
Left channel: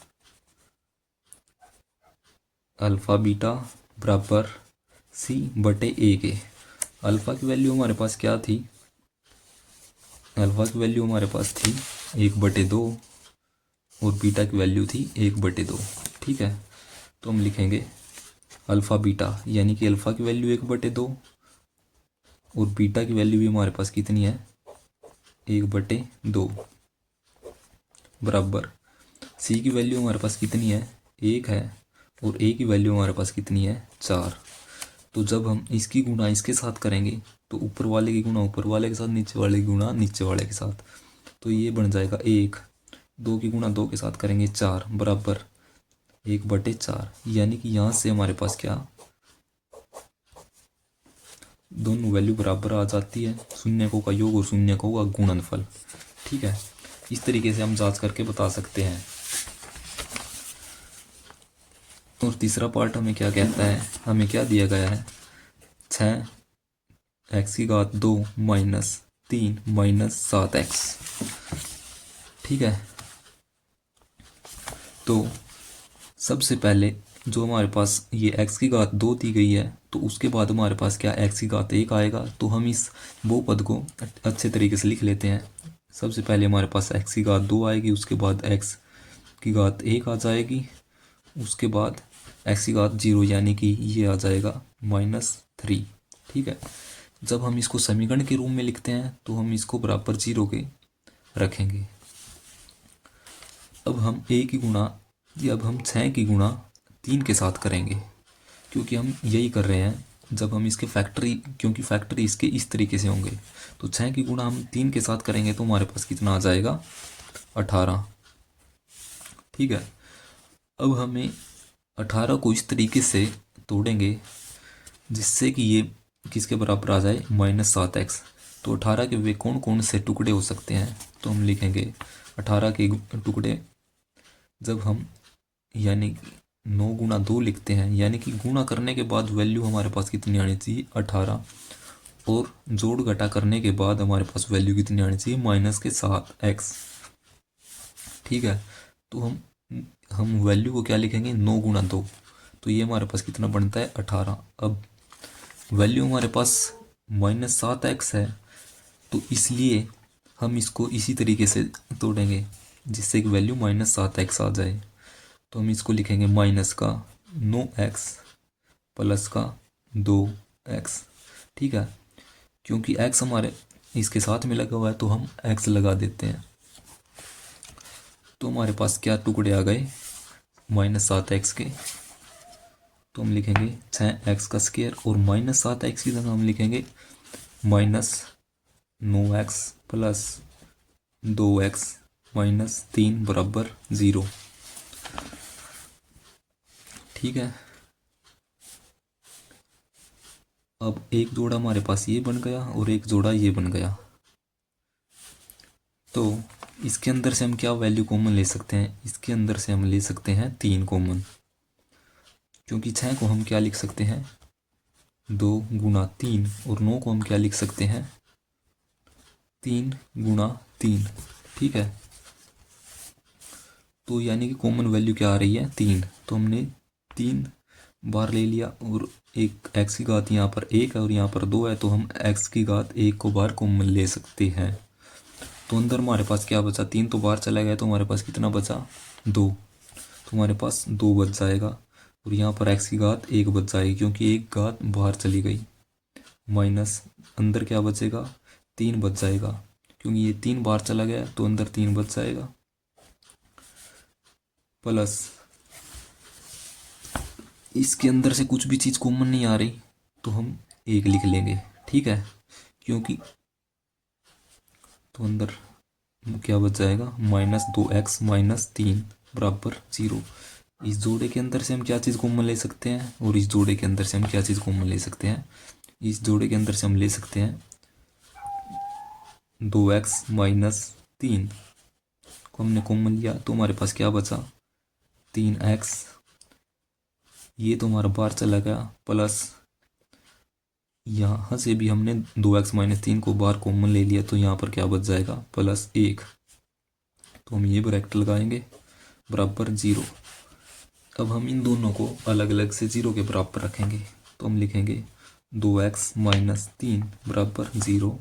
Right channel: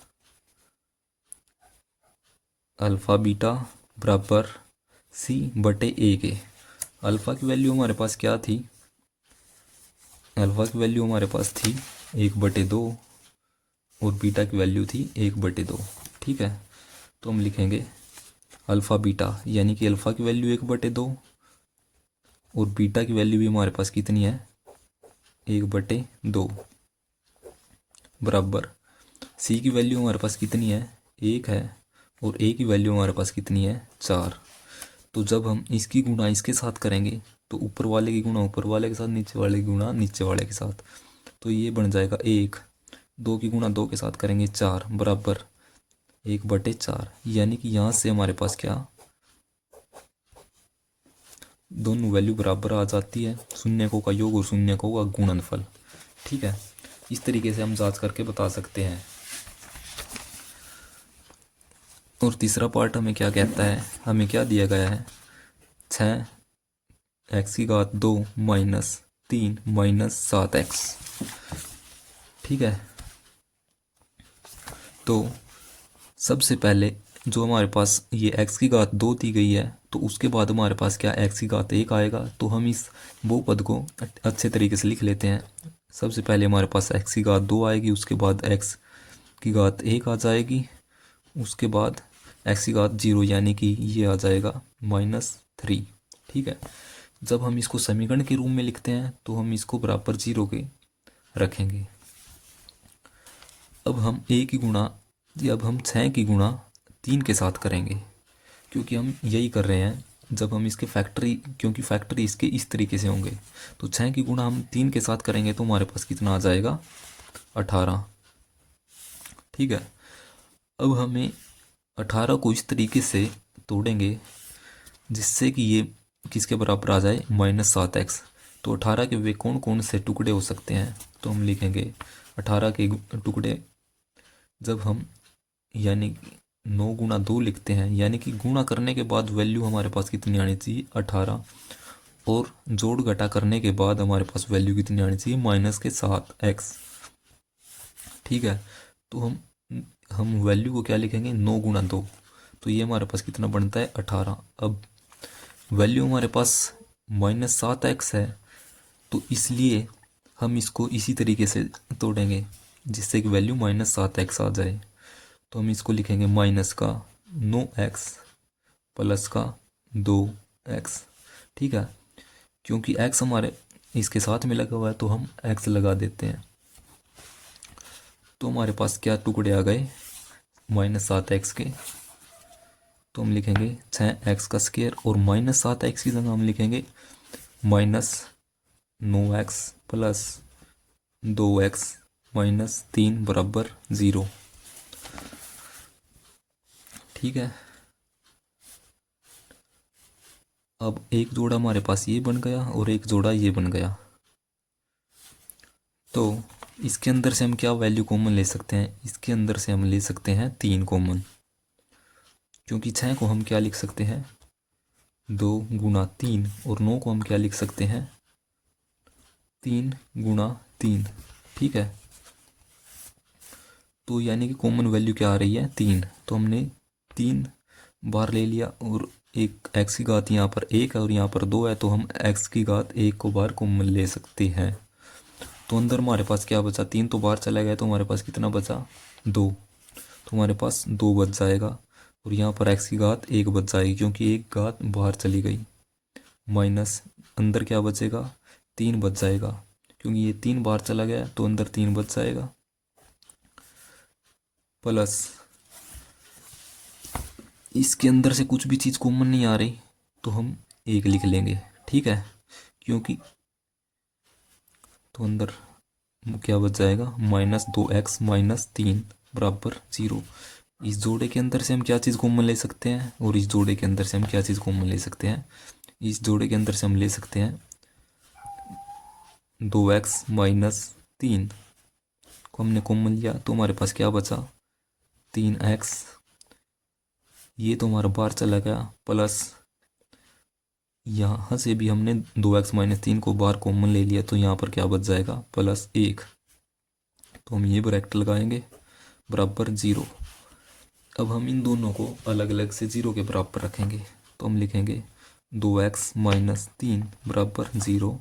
अल्फ़ा बीटा बराबर c/a के। अल्फ़ा की वैल्यू हमारे पास क्या थी? अल्फ़ा की वैल्यू हमारे पास थी 1/2 और बीटा की वैल्यू थी 1/2। ठीक है, तो हम लिखेंगे अल्फ़ा बीटा, यानी कि अल्फ़ा की वैल्यू 1/2 और बीटा की वैल्यू भी हमारे पास कितनी है? 1/2 बराबर सी की वैल्यू हमारे पास कितनी है? 1 है और ए की वैल्यू हमारे पास कितनी है? 4। तो जब हम इसकी गुणा इसके साथ करेंगे तो ऊपर वाले की गुणा ऊपर वाले के साथ, नीचे वाले की गुणा नीचे वाले के साथ, तो ये बन जाएगा 1। 2 की गुणा 2 के साथ करेंगे 4 बराबर 1/4, यानी कि यहाँ से हमारे पास क्या? दोनों वैल्यू बराबर आ जाती है, शून्यकों का योग और शून्यकों का गुणनफल। ठीक है, इस तरीके से हम जांच करके बता सकते हैं। और तीसरा पार्ट हमें क्या कहता है? हमें क्या दिया गया है? 6x⁻2 - 3 - 7x। ठीक है, तो सबसे पहले जो हमारे पास ये x⁻2 दी गई है, तो उसके बाद हमारे पास क्या x⁻1 आएगा। तो हम इस बहुपद को अच्छे तरीके से लिख लेते हैं। सबसे पहले हमारे पास x⁻2 आएगी, उसके बाद x⁻1 आ जाएगी, उसके बाद x⁻0 यानी कि ये आ जाएगा -3। ठीक है, जब हम इसको समीकरण के रूप में लिखते हैं तो हम इसको बराबर 0 के रखेंगे। अब हम अब हम 6 की गुणा 3 के साथ करेंगे, क्योंकि हम यही कर रहे हैं। जब हम इसके फैक्टरी, क्योंकि फैक्टरी इसके इस तरीके से होंगे, तो 6 की गुणा हम 3 के साथ करेंगे तो हमारे पास कितना आ जाएगा? 18। ठीक है, अब हमें 18 को इस तरीके से तोड़ेंगे जिससे कि ये किसके बराबर आ जाए? -7x। तो 18 के वे कौन कौन से टुकड़े हो सकते हैं? तो हम लिखेंगे 18 के टुकड़े, जब हम यानी 9 गुणा 2 लिखते हैं, यानी कि गुणा करने के बाद वैल्यू हमारे पास कितनी आनी चाहिए? 18, और जोड़ घटा करने के बाद हमारे पास वैल्यू कितनी आनी चाहिए? -7x। ठीक है, तो हम वैल्यू को क्या लिखेंगे? 9 गुणा 2, तो ये हमारे पास कितना बनता है? 18। अब वैल्यू हमारे पास -7x है, तो इसलिए हम इसको इसी तरीके से तोड़ेंगे जिससे कि वैल्यू -7x आ जाए। तो हम इसको लिखेंगे माइनस का 9x प्लस का 2x। ठीक है, क्योंकि x हमारे इसके साथ में लगा हुआ है तो हम x लगा देते हैं। तो हमारे पास क्या टुकड़े आ गए? -7x के। तो हम लिखेंगे 6x का स्क्वायर, और -7x की जगह हम लिखेंगे -9x प्लस 2x -3 बराबर 0। ठीक है, अब एक जोड़ा हमारे पास ये बन गया और एक जोड़ा ये बन गया। तो इसके अंदर से हम क्या वैल्यू कॉमन ले सकते हैं? इसके अंदर से हम ले सकते हैं 3 कॉमन, क्योंकि 6 को हम क्या लिख सकते हैं? 2 गुणा 3, और 9 को हम क्या लिख सकते हैं? 3 गुणा 3। ठीक है, तो यानी कि कॉमन वैल्यू क्या आ रही है, 3। तो हमने 3 बार ले लिया और एक एक्स की घात यहाँ पर 1 है और यहाँ पर 2 है, तो हम एक्स की घात 1 को बार कॉमन ले सकते हैं। तो अंदर हमारे पास क्या बचा, 3 तो बाहर चला गया, तो हमारे पास कितना बचा, 2। तो हमारे पास 2 बच जाएगा और यहाँ पर एक्स की घात 1 बच जाएगी क्योंकि एक घात बाहर चली गई। माइनस अंदर क्या बचेगा, 3 बच जाएगा क्योंकि ये 3 बाहर चला गया तो अंदर 3 बच जाएगा। प्लस इसके अंदर से कुछ भी चीज़ कॉमन नहीं आ रही तो हम 1 लिख लेंगे, ठीक है। क्योंकि तो अंदर क्या बच जाएगा, -2x - 3 बराबर 0। इस जोड़े के अंदर से हम क्या चीज़ कॉमन ले सकते हैं और इस जोड़े के अंदर से हम क्या चीज़ कॉमन ले सकते हैं, इस जोड़े के अंदर से हम ले सकते हैं 2x - 3 को हमने कॉमन लिया तो हमारे पास क्या बचा, 3x। ये तो हमारा बाहर चला गया, प्लस यहाँ से भी हमने 2x - 3 को बाहर कॉमन ले लिया तो यहाँ पर क्या बच जाएगा, +1। तो हम ये ब्रैकेट लगाएंगे बराबर 0। अब हम इन दोनों को अलग अलग से 0 के बराबर रखेंगे तो हम लिखेंगे 2x - 3 बराबर 0।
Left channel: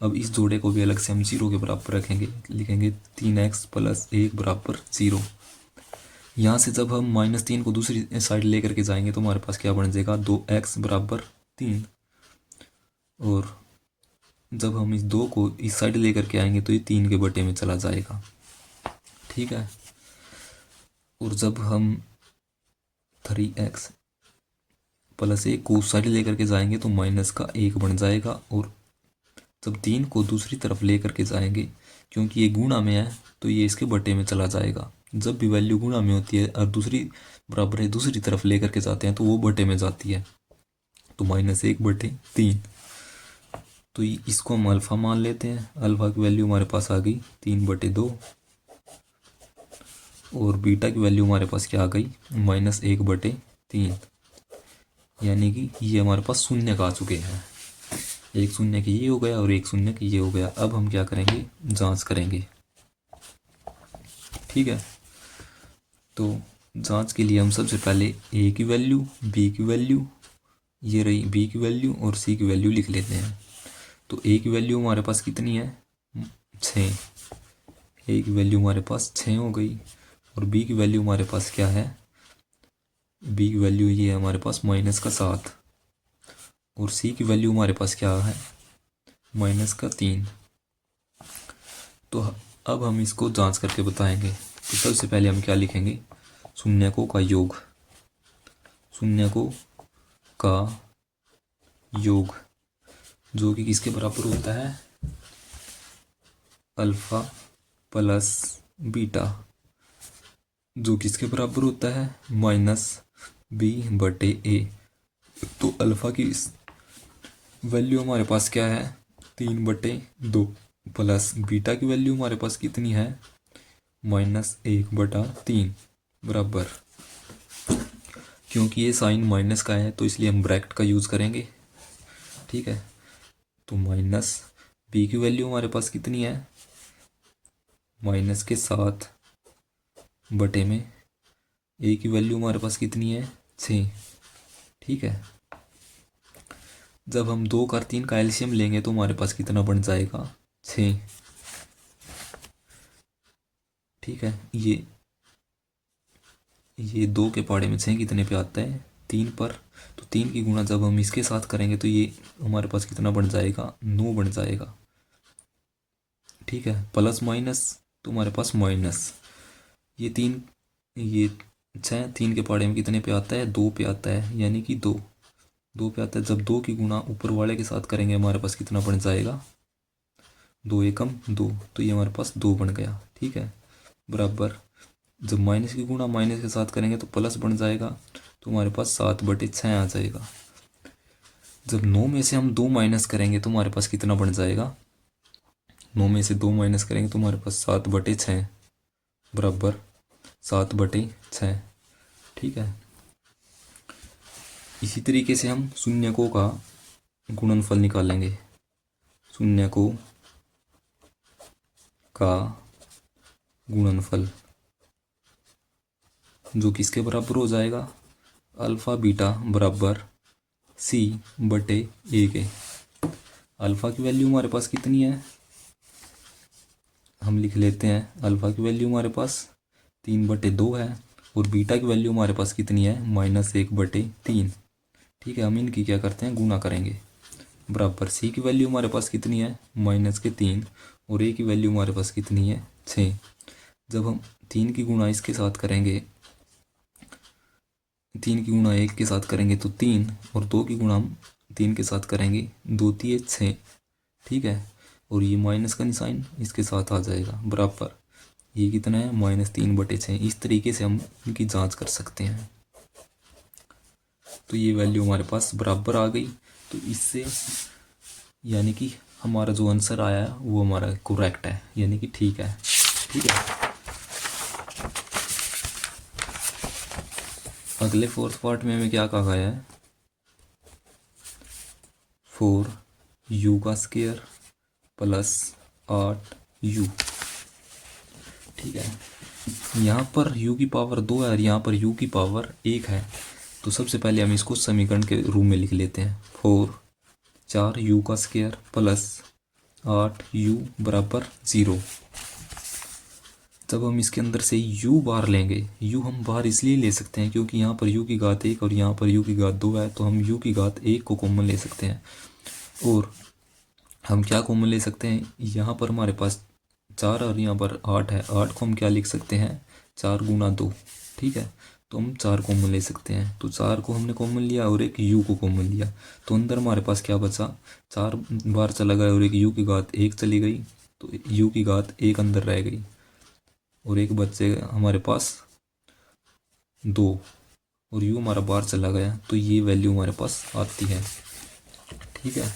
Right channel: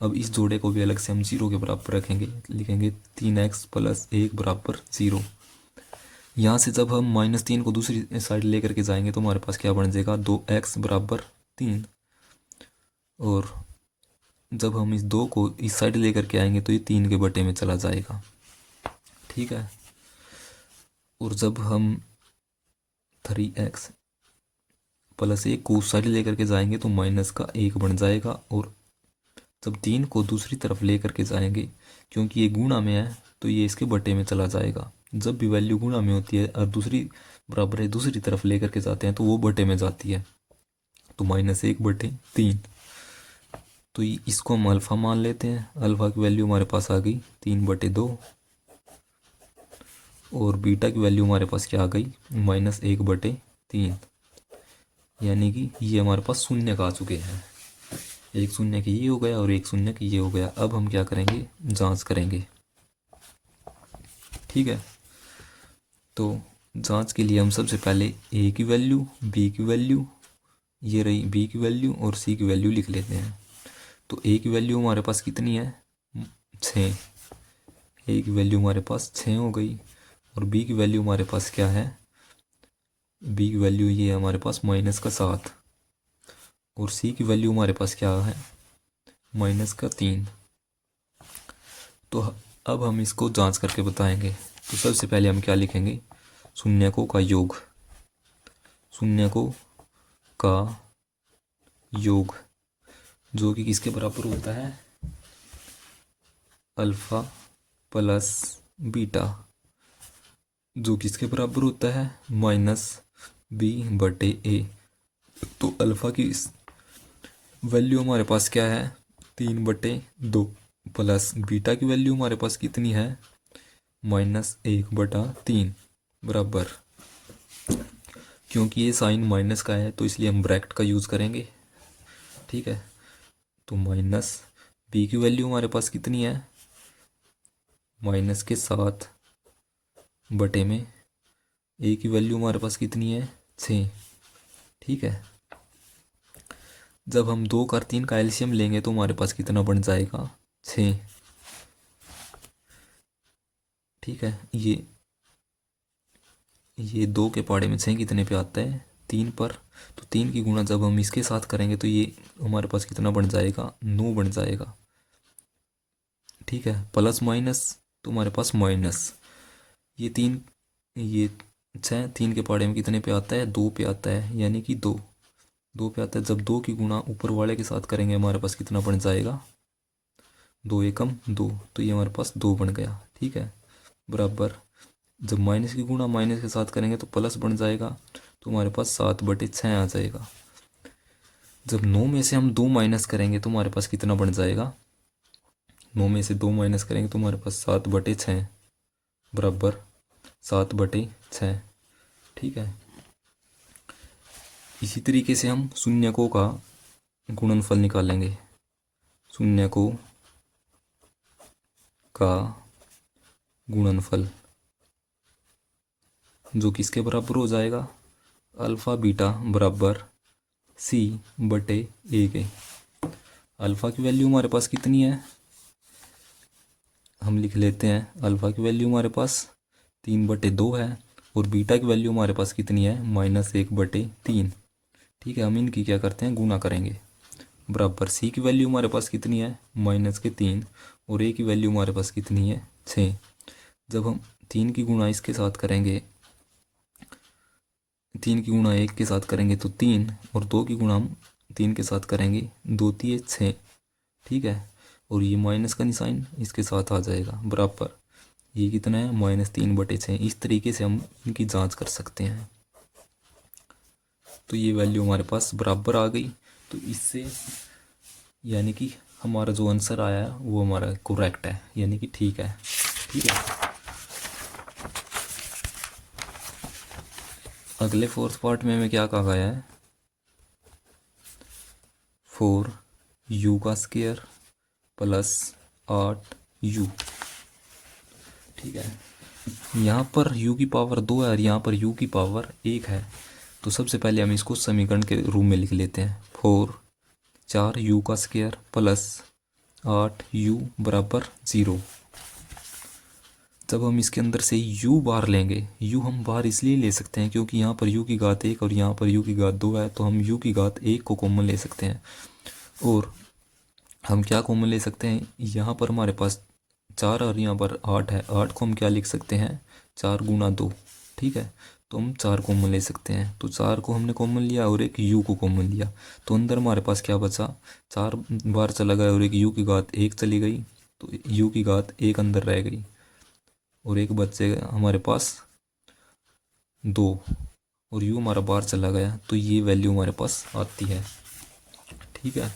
अब इस जोड़े को भी अलग से हम 0 के बराबर रखेंगे, लिखेंगे 3x + 1 बराबर 0। यहाँ से जब हम -3 को दूसरी साइड लेकर के जाएंगे तो हमारे पास क्या बन जाएगा, 2x बराबर 3। और जब हम इस 2 को इस साइड लेकर के आएंगे तो ये 3 के बटे में चला जाएगा, ठीक है। और जब हम 3x + 1 को उस साइड लेकर के जाएंगे तो -1 बन जाएगा। और जब 3 को दूसरी तरफ लेकर के जाएंगे क्योंकि ये गुणा में है तो ये इसके बटे में चला जाएगा। जब भी वैल्यू गुणा में होती है और दूसरी बराबर है दूसरी तरफ लेकर के जाते हैं तो वो बटे में जाती है, तो -1/3। तो इसको हम अल्फ़ा मान लेते हैं। अल्फ़ा की वैल्यू हमारे पास आ गई 3/2 और बीटा की वैल्यू हमारे पास क्या आ गई, -1/3। यानी कि ये हमारे पास शून्य का आ चुके हैं, एक शून्य की ये हो गया और एक शून्य की ये हो गया। अब हम क्या करेंगे, जांच करेंगे, ठीक है। तो जांच के लिए हम सबसे पहले ए की वैल्यू, बी की वैल्यू, ये रही बी की वैल्यू और सी की वैल्यू लिख लेते हैं। तो ए की वैल्यू हमारे पास कितनी है, 6। ए की वैल्यू हमारे पास 6 हो गई और बी की वैल्यू हमारे पास क्या है, बी की वैल्यू ये है हमारे पास -7 और सी की वैल्यू हमारे पास क्या है, -3। तो अब हम इसको जांच करके बताएंगे। तो सबसे पहले हम क्या लिखेंगे, शून्यकों का योग, शून्यकों का योग जो कि किसके बराबर होता है, अल्फा प्लस बीटा, जो किसके बराबर होता है, -b/a। तो अल्फा की वैल्यू हमारे पास क्या है, 3/2 प्लस बीटा की वैल्यू हमारे पास कितनी है, -1/3 बराबर। क्योंकि ये साइन माइनस का है तो इसलिए हम ब्रैकेट का यूज़ करेंगे, ठीक है। तो माइनस बी की वैल्यू हमारे पास कितनी है, -7 बटे में ए की वैल्यू हमारे पास कितनी है, 6, ठीक है। जब हम 2 और 3 का एलसीएम लेंगे तो हमारे पास कितना बन जाएगा, 6, ठीक है। ये 2 के पहाड़े में 6 कितने पे आता है, 3 पर। तो 3 की गुणा जब हम इसके साथ करेंगे तो ये हमारे पास कितना बन जाएगा, 9 बन जाएगा, ठीक है। प्लस माइनस तो हमारे पास माइनस, ये 6 3 के पहाड़े में कितने पे आता है, 2 पे आता है, यानी कि 2 पे आता है। जब 2 की गुणा ऊपर वाले के साथ करेंगे हमारे पास कितना बन जाएगा, 2 एकम 2, तो ये हमारे पास 2 बन गया, ठीक है, बराबर। जब माइनस की गुणा माइनस के साथ करेंगे तो प्लस बन जाएगा, तो हमारे पास 7/6 आ जाएगा। जब 9 में से हम 2 माइनस करेंगे तो हमारे पास कितना बन जाएगा, 9 में से 2 माइनस करेंगे तो हमारे पास 7/6 बराबर 7/6, ठीक है। इसी तरीके से हम शून्यकों का गुणनफल निकालेंगे, शून्यकों का गुणनफल जो किसके बराबर हो जाएगा, अल्फ़ा बीटा बराबर सी बटे ए के। अल्फ़ा की वैल्यू हमारे पास कितनी है, हम लिख लेते हैं अल्फ़ा की वैल्यू हमारे पास 3/2 है, और बीटा की वैल्यू हमारे पास कितनी है, -1/3। ठीक है, हम इनकी क्या करते हैं, गुना करेंगे। बराबर सी की वैल्यू हमारे पास कितनी है, -3, और ए की वैल्यू हमारे पास कितनी है, 6। जब हम 3 की गुणा इसके साथ करेंगे, 3 की गुणा 1 के साथ करेंगे तो 3, और 2 की गुणा हम 3 के साथ करेंगे, 2 3 6। ठीक है, और ये माइनस का निशान इसके साथ आ जाएगा, बराबर ये कितना है, -3/6। इस तरीके से हम इनकी जांच कर सकते हैं। तो ये वैल्यू हमारे पास बराबर आ गई। तो इससे यानी कि हमारा जो आंसर आया है वो हमारा करेक्ट है, यानी कि ठीक है। ठीक है, अगले फोर्थ पार्ट में हमें क्या कहा गया है, 4u² प्लस 8u। ठीक है, यहाँ पर u की पावर 2 है और यहाँ पर u की पावर 1 है। तो सबसे पहले हम इसको समीकरण के रूप में लिख लेते हैं, 4u² प्लस 8u बराबर 0। जब हम इसके अंदर से u बाहर लेंगे, u हम बाहर इसलिए ले सकते हैं क्योंकि यहाँ पर u की घात 1 और यहाँ पर u की घात 2 है, तो हम u की घात 1 को कॉमन ले सकते हैं। और हम क्या कॉमन ले सकते हैं, यहाँ पर हमारे पास 4 और यहाँ पर 8 है, 8 को हम क्या लिख सकते हैं, 4 गुना 2। ठीक है, तो हम 4 कॉमन ले सकते हैं, तो 4 को हमने कॉमन लिया और एक u को कॉमन लिया, तो अंदर हमारे पास क्या बचा, 4 बार चला गया और एक u की घात 1 चली गई, तो u की घात 1 अंदर रह गई, और एक बच्चे हमारे पास 2, और u हमारा बाहर चला गया, तो ये वैल्यू हमारे पास आती है। ठीक है,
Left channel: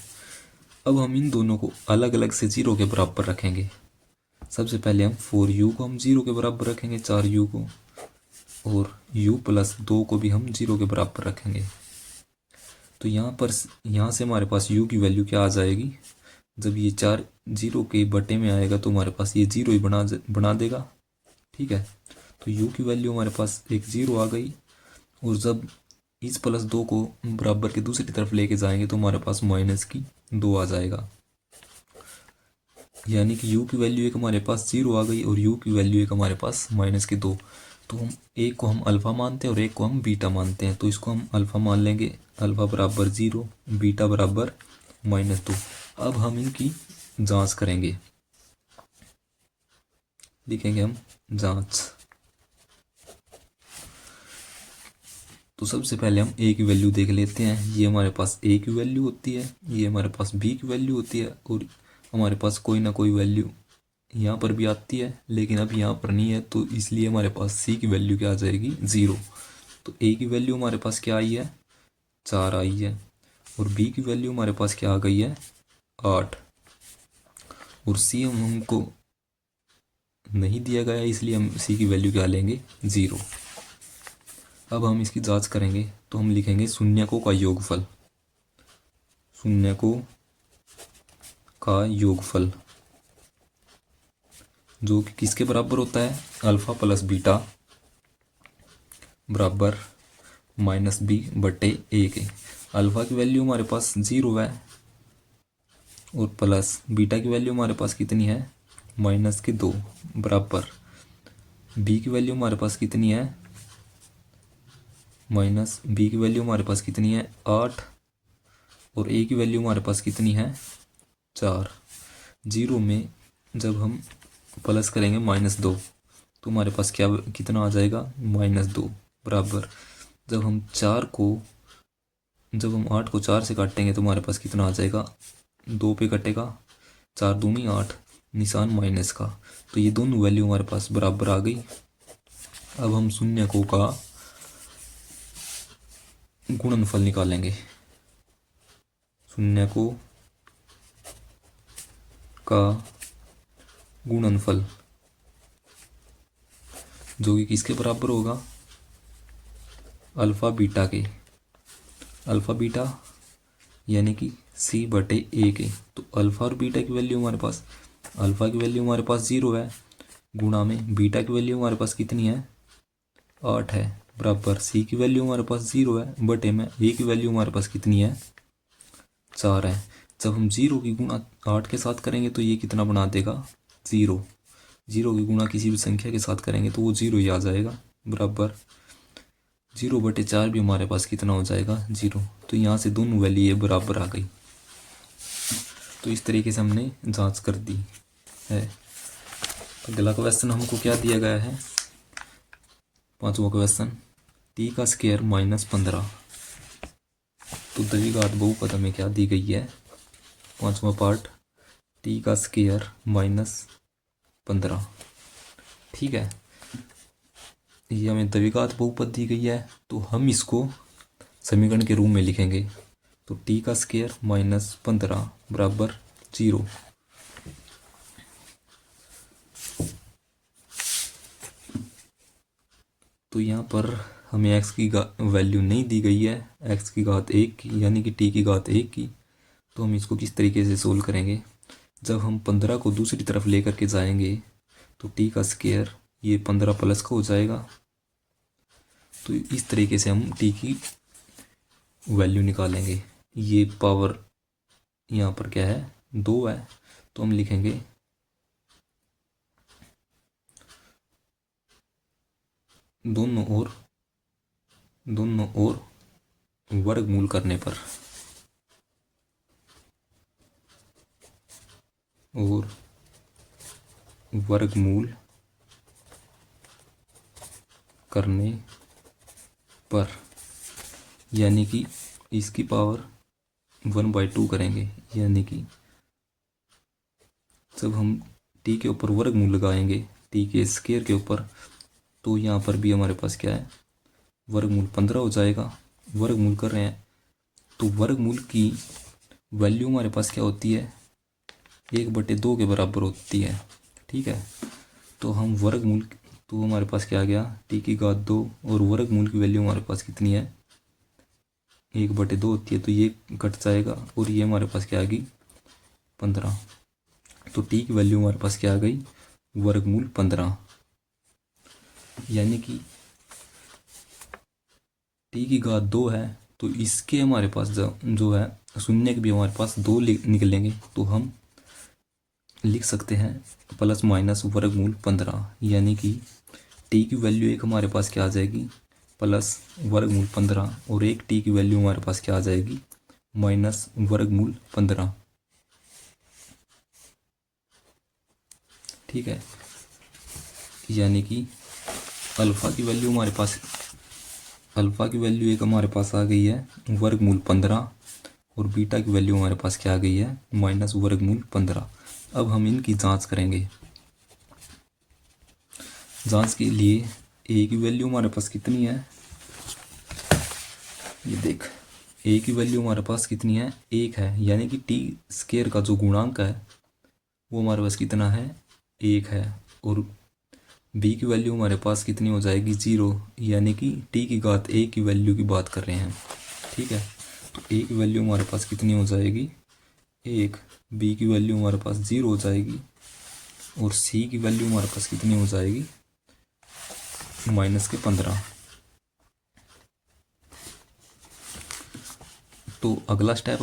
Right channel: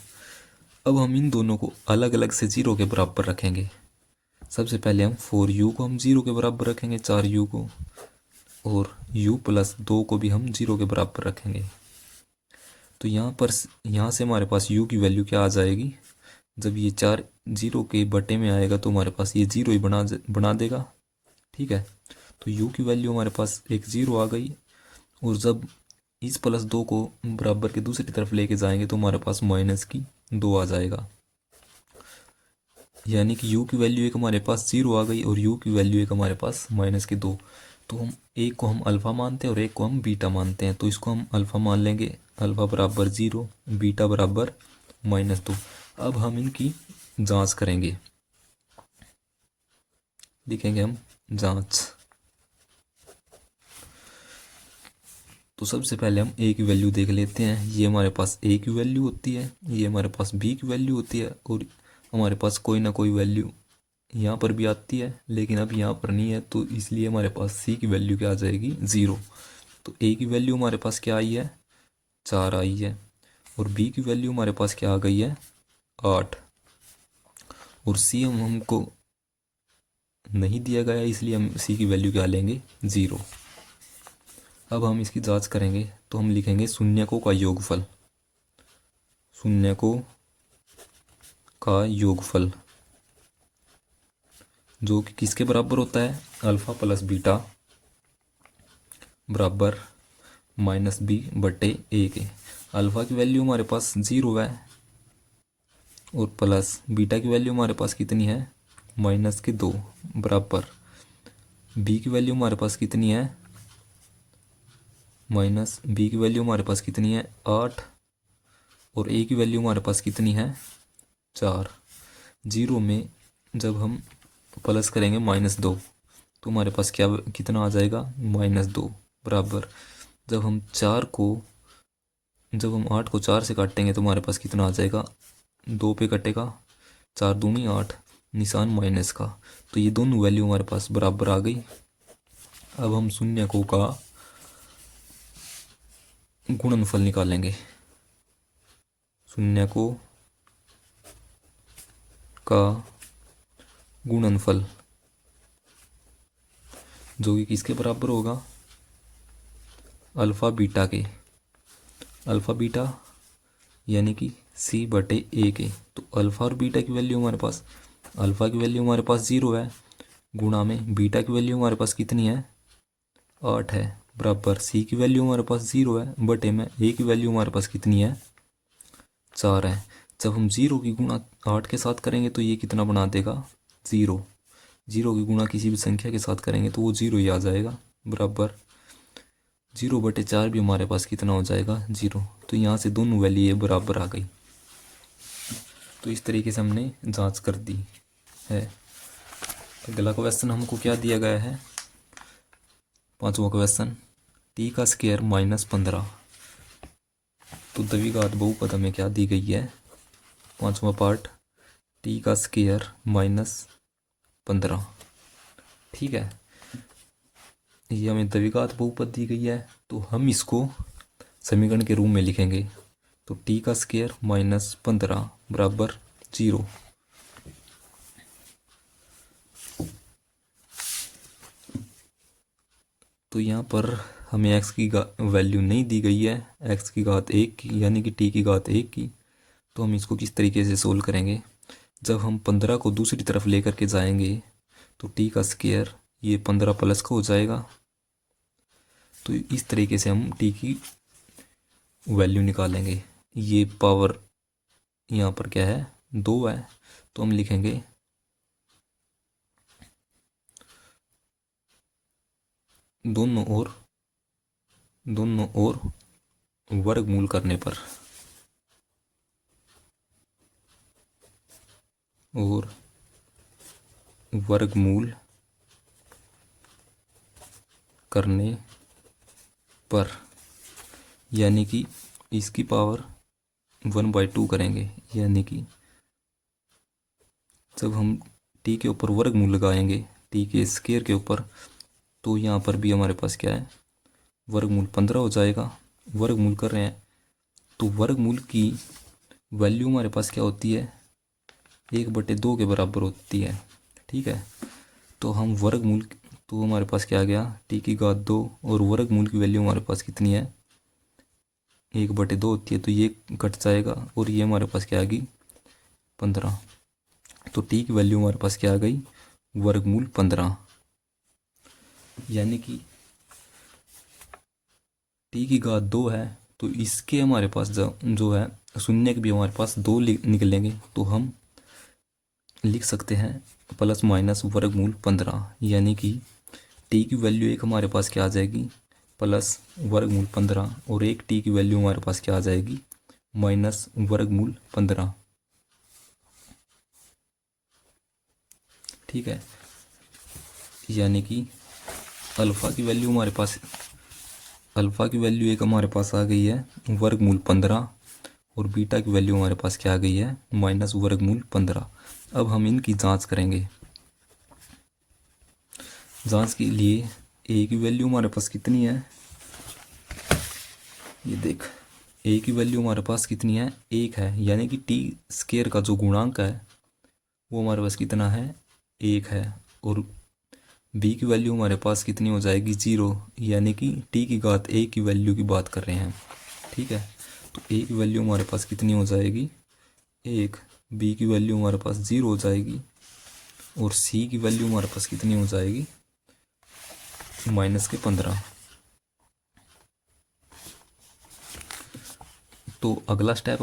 अब हम इन दोनों को अलग अलग से 0 के बराबर रखेंगे। सबसे पहले हम 4u को हम 0 के बराबर रखेंगे, 4u को, और u प्लस 2 को भी हम 0 के बराबर रखेंगे। तो यहाँ से हमारे पास u की वैल्यू क्या आ जाएगी, जब ये 4 0 के बटे में आएगा तो हमारे पास ये 0 ही बना देगा। ठीक है, तो u की वैल्यू हमारे पास एक 0 आ गई, और जब इस +2 को बराबर के दूसरी तरफ लेके जाएंगे तो हमारे पास -2 आ जाएगा, यानी कि u की वैल्यू एक हमारे पास 0 आ गई और u की वैल्यू एक हमारे पास -2। तो हम एक को हम अल्फ़ा मानते हैं और एक को हम बीटा मानते हैं, तो इसको हम अल्फ़ा मान लेंगे, अल्फ़ा बराबर 0, बीटा बराबर -2। अब हम इनकी जांच करेंगे, लिखेंगे हम जांच। तो सबसे पहले हम a की वैल्यू देख लेते हैं, ये हमारे पास a की वैल्यू होती है, ये हमारे पास b की वैल्यू होती है, और हमारे पास कोई ना कोई वैल्यू यहाँ पर भी आती है, लेकिन अब यहाँ पर नहीं है, तो इसलिए हमारे पास c की वैल्यू क्या आ जाएगी, 0। तो a की वैल्यू हमारे पास क्या आई है, 4 आई है, और b की वैल्यू हमारे पास क्या आ गई है, 8, और c हमको नहीं दिया गया है, इसलिए हम c की वैल्यू क्या लेंगे, 0। अब हम इसकी जांच करेंगे, तो हम लिखेंगे शून्यकों का योगफल, शून्यकों का योगफल जो कि किसके बराबर होता है, अल्फ़ा प्लस बीटा बराबर -b/a के। अल्फ़ा की वैल्यू हमारे पास 0 है, और प्लस बीटा की वैल्यू हमारे पास कितनी है, -2 बराबर b की वैल्यू हमारे पास कितनी है, b की वैल्यू हमारे पास कितनी है, 8, और a की वैल्यू हमारे पास कितनी है, 4। 0 में जब हम प्लस करेंगे -2, तो हमारे पास क्या कितना आ जाएगा, -2 बराबर जब हम 8 को 4 से काटेंगे तो हमारे पास कितना आ जाएगा, 2 पे कटेगा, 4 दूनी 8, निशान माइनस का, तो ये दोनों वैल्यू हमारे पास बराबर आ गई। अब हम शून्यकों का गुणनफल निकालेंगे, शून्यकों का गुणनफल जो कि किसके बराबर होगा, अल्फ़ा बीटा के, अल्फ़ा बीटा यानी कि c/a के। तो अल्फ़ा और बीटा की वैल्यू हमारे पास, अल्फ़ा की वैल्यू हमारे पास 0 है, गुणा में बीटा की वैल्यू हमारे पास कितनी है, 8 है बराबर सी की वैल्यू हमारे पास 0 है बटे में ए की वैल्यू हमारे पास कितनी है 4 है। जब हम 0 की गुणा 8 के साथ करेंगे तो ये कितना बना देगा 0। 0 की गुणा किसी भी संख्या के साथ करेंगे तो वो 0 ही आ जाएगा बराबर 0/4 भी हमारे पास कितना हो जाएगा 0। तो यहाँ से दोनों वैल्यू ये बराबर आ गई। तो इस तरीके से हमने जांच कर दी है। अगला क्वेश्चन हमको क्या दिया गया है, पांचवा क्वेश्चन टी का स्क्वायर -15। तो द्विघात बहुपद हमें क्या दी गई है, पांचवा पार्ट टी का स्क्वायर -15। ठीक है, ये हमें द्विघात बहुपद दी गई है तो हम इसको समीकरण के रूप में लिखेंगे। तो टी का स्क्वायर -15 बराबर 0। तो यहाँ पर हमें x की वैल्यू नहीं दी गई है, x की घात 1 की यानी कि t की घात 1 की। तो हम इसको किस तरीके से सोल्व करेंगे, जब हम 15 को दूसरी तरफ लेकर के जाएंगे तो t का स्क्वायर ये 15 प्लस का हो जाएगा। तो इस तरीके से हम t की वैल्यू निकालेंगे। ये पावर यहाँ पर क्या है 2 है तो हम लिखेंगे दोनों ओर वर्गमूल करने पर और वर्गमूल करने पर यानी कि इसकी पावर 1/2 करेंगे। यानी कि जब हम t के ऊपर वर्गमूल लगाएंगे t के स्क्वायर के ऊपर तो यहाँ पर भी हमारे पास क्या है वर्गमूल 15 हो जाएगा। वर्गमूल कर रहे हैं तो वर्गमूल की वैल्यू हमारे पास क्या होती है 1/2 के बराबर होती है। ठीक है, तो हम वर्गमूल तो हमारे पास क्या आ गया t की घात 2 और वर्गमूल की वैल्यू हमारे पास कितनी है 1/2 होती है तो ये घट जाएगा और ये हमारे पास क्या आ गई 15। तो t की वैल्यू हमारे पास क्या आ गई वर्गमूल 15। यानी कि t की घात 2 है तो इसके हमारे पास जो है शून्य के भी हमारे पास 2 निकलेंगे तो हम लिख सकते हैं प्लस माइनस वर्गमूल 15। यानी कि t की वैल्यू एक हमारे पास क्या आ जाएगी प्लस वर्गमूल 15 और एक t की वैल्यू हमारे पास क्या आ जाएगी माइनस वर्गमूल 15। ठीक है, यानी कि अल्फा की वैल्यू हमारे पास एक हमारे पास आ गई है वर्गमूल 15 और बीटा की वैल्यू हमारे पास क्या आ गई है माइनस वर्गमूल 15। अब हम इनकी जांच करेंगे। जांच के लिए ए की वैल्यू हमारे पास कितनी है, ये देख ए की वैल्यू हमारे पास कितनी है 1 है। यानी कि टी स्क्वायर का जो गुणांक है वो हमारे पास कितना है 1 है। और बी की वैल्यू हमारे पास कितनी हो जाएगी 0। यानी कि टी की घात 1 की वैल्यू की बात कर रहे हैं। ठीक है, तो ए की वैल्यू हमारे पास कितनी हो जाएगी 1, बी की वैल्यू हमारे पास 0 हो जाएगी और सी की वैल्यू हमारे पास कितनी हो जाएगी -15। तो अगला स्टेप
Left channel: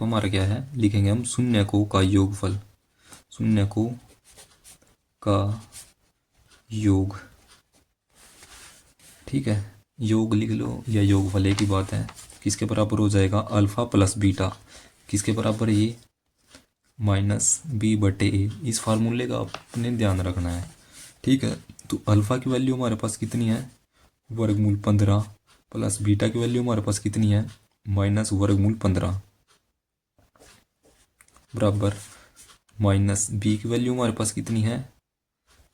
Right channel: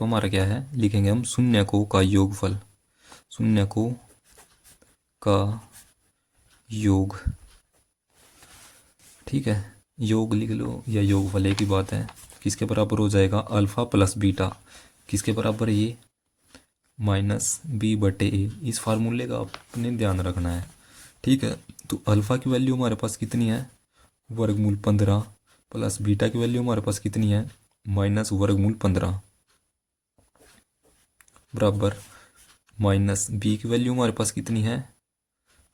हमारा क्या है, लिखेंगे हम शून्यकों का योगफल। शून्यकों का योग, ठीक है, योग लिख लो या योगफल एक ही बात है। किसके बराबर हो जाएगा अल्फा प्लस बीटा, किसके बराबर है ये -b/a। इस फार्मूले का आपने ध्यान रखना है। ठीक है, तो अल्फा की वैल्यू हमारे पास कितनी है वर्गमूल 15 प्लस बीटा की वैल्यू हमारे पास कितनी है माइनस वर्गमूल 15 बराबर माइनस बी की वैल्यू हमारे पास कितनी है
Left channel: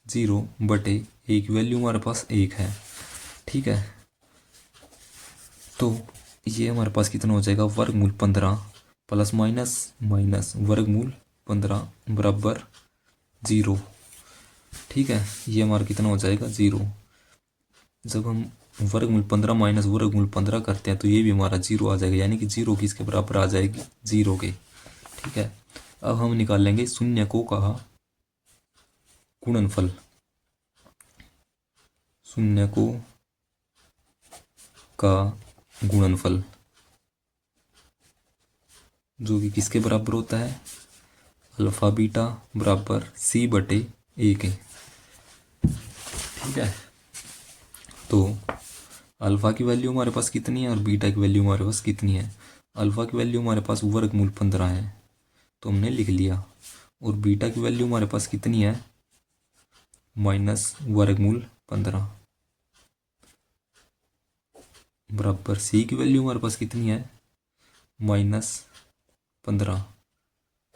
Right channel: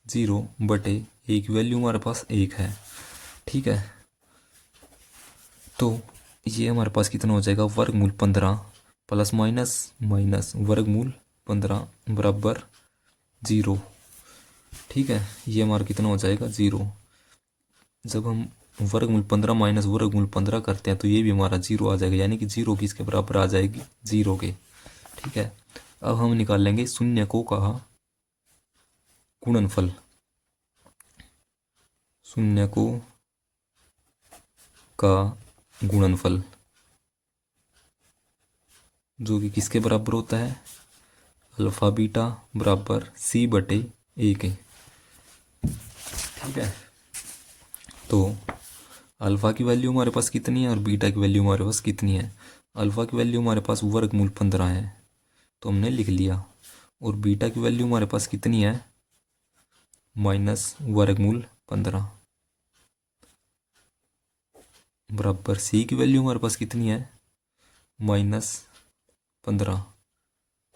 0/a की वैल्यू हमारे पास 1 है। ठीक है, तो ये हमारे पास कितना हो जाएगा वर्गमूल 15 प्लस माइनस माइनस वर्गमूल 15 बराबर 0। ठीक है, ये हमारा कितना हो जाएगा 0। जब हम वर्गमूल 15 माइनस वर्गमूल 15 करते हैं तो ये भी हमारा 0 आ जाएगा। यानी कि 0 किसके बराबर आ जाएगी 0 के। ठीक है, अब हम निकाल लेंगे शून्यकों का गुणनफल। शून्य को का गुणनफल, जो कि किसके बराबर होता है, अल्फा बीटा बराबर सी बटे ए के। ठीक है, तो अल्फा की वैल्यू हमारे पास कितनी है और बीटा की वैल्यू हमारे पास कितनी है। अल्फा की वैल्यू हमारे पास वर्गमूल 15 है, तो हमने लिख लिया। और बीटा की वैल्यू हमारे पास कितनी है, माइनस वर्गमूल 15 बराबर सी की वैल्यू हमारे पास कितनी है, -15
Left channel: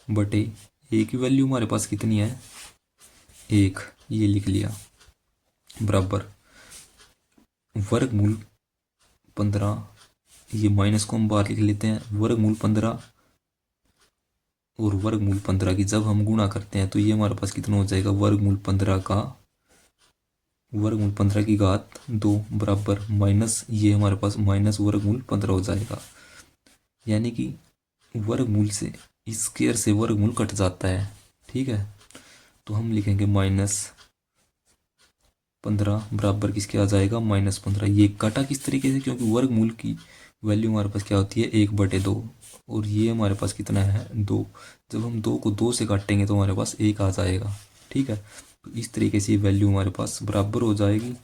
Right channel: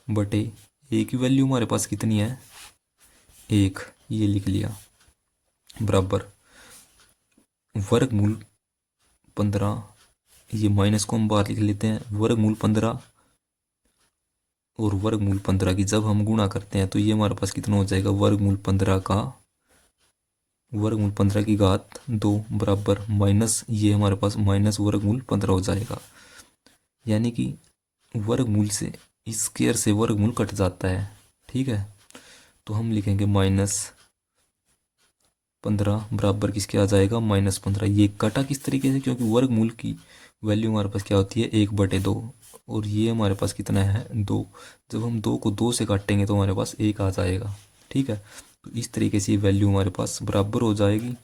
बटे ए की वैल्यू हमारे पास कितनी है, 1, ये लिख लिया, बराबर वर्गमूल 15, ये माइनस को हम बाहर लिख लेते हैं, वर्गमूल 15 और वर्गमूल 15 की जब हम गुणा करते हैं तो ये हमारे पास कितना हो जाएगा, वर्गमूल 15 की घात 2 बराबर माइनस, ये हमारे पास माइनस वर्गमूल 15 हो जाएगा। यानी कि वर्गमूल से स्क्वायर से वर्गमूल कट जाता है। ठीक है, तो हम लिखेंगे -15 बराबर किसके आ जाएगा, -15। ये कटा किस तरीके से, क्योंकि वर्गमूल की वैल्यू हमारे पास क्या होती है, 1/2, और ये हमारे पास कितना है, 2। जब हम 2 को 2 से काटेंगे तो हमारे पास 1 आ जाएगा। ठीक है, तो इस तरीके से वैल्यू हमारे पास बराबर हो जाएगी,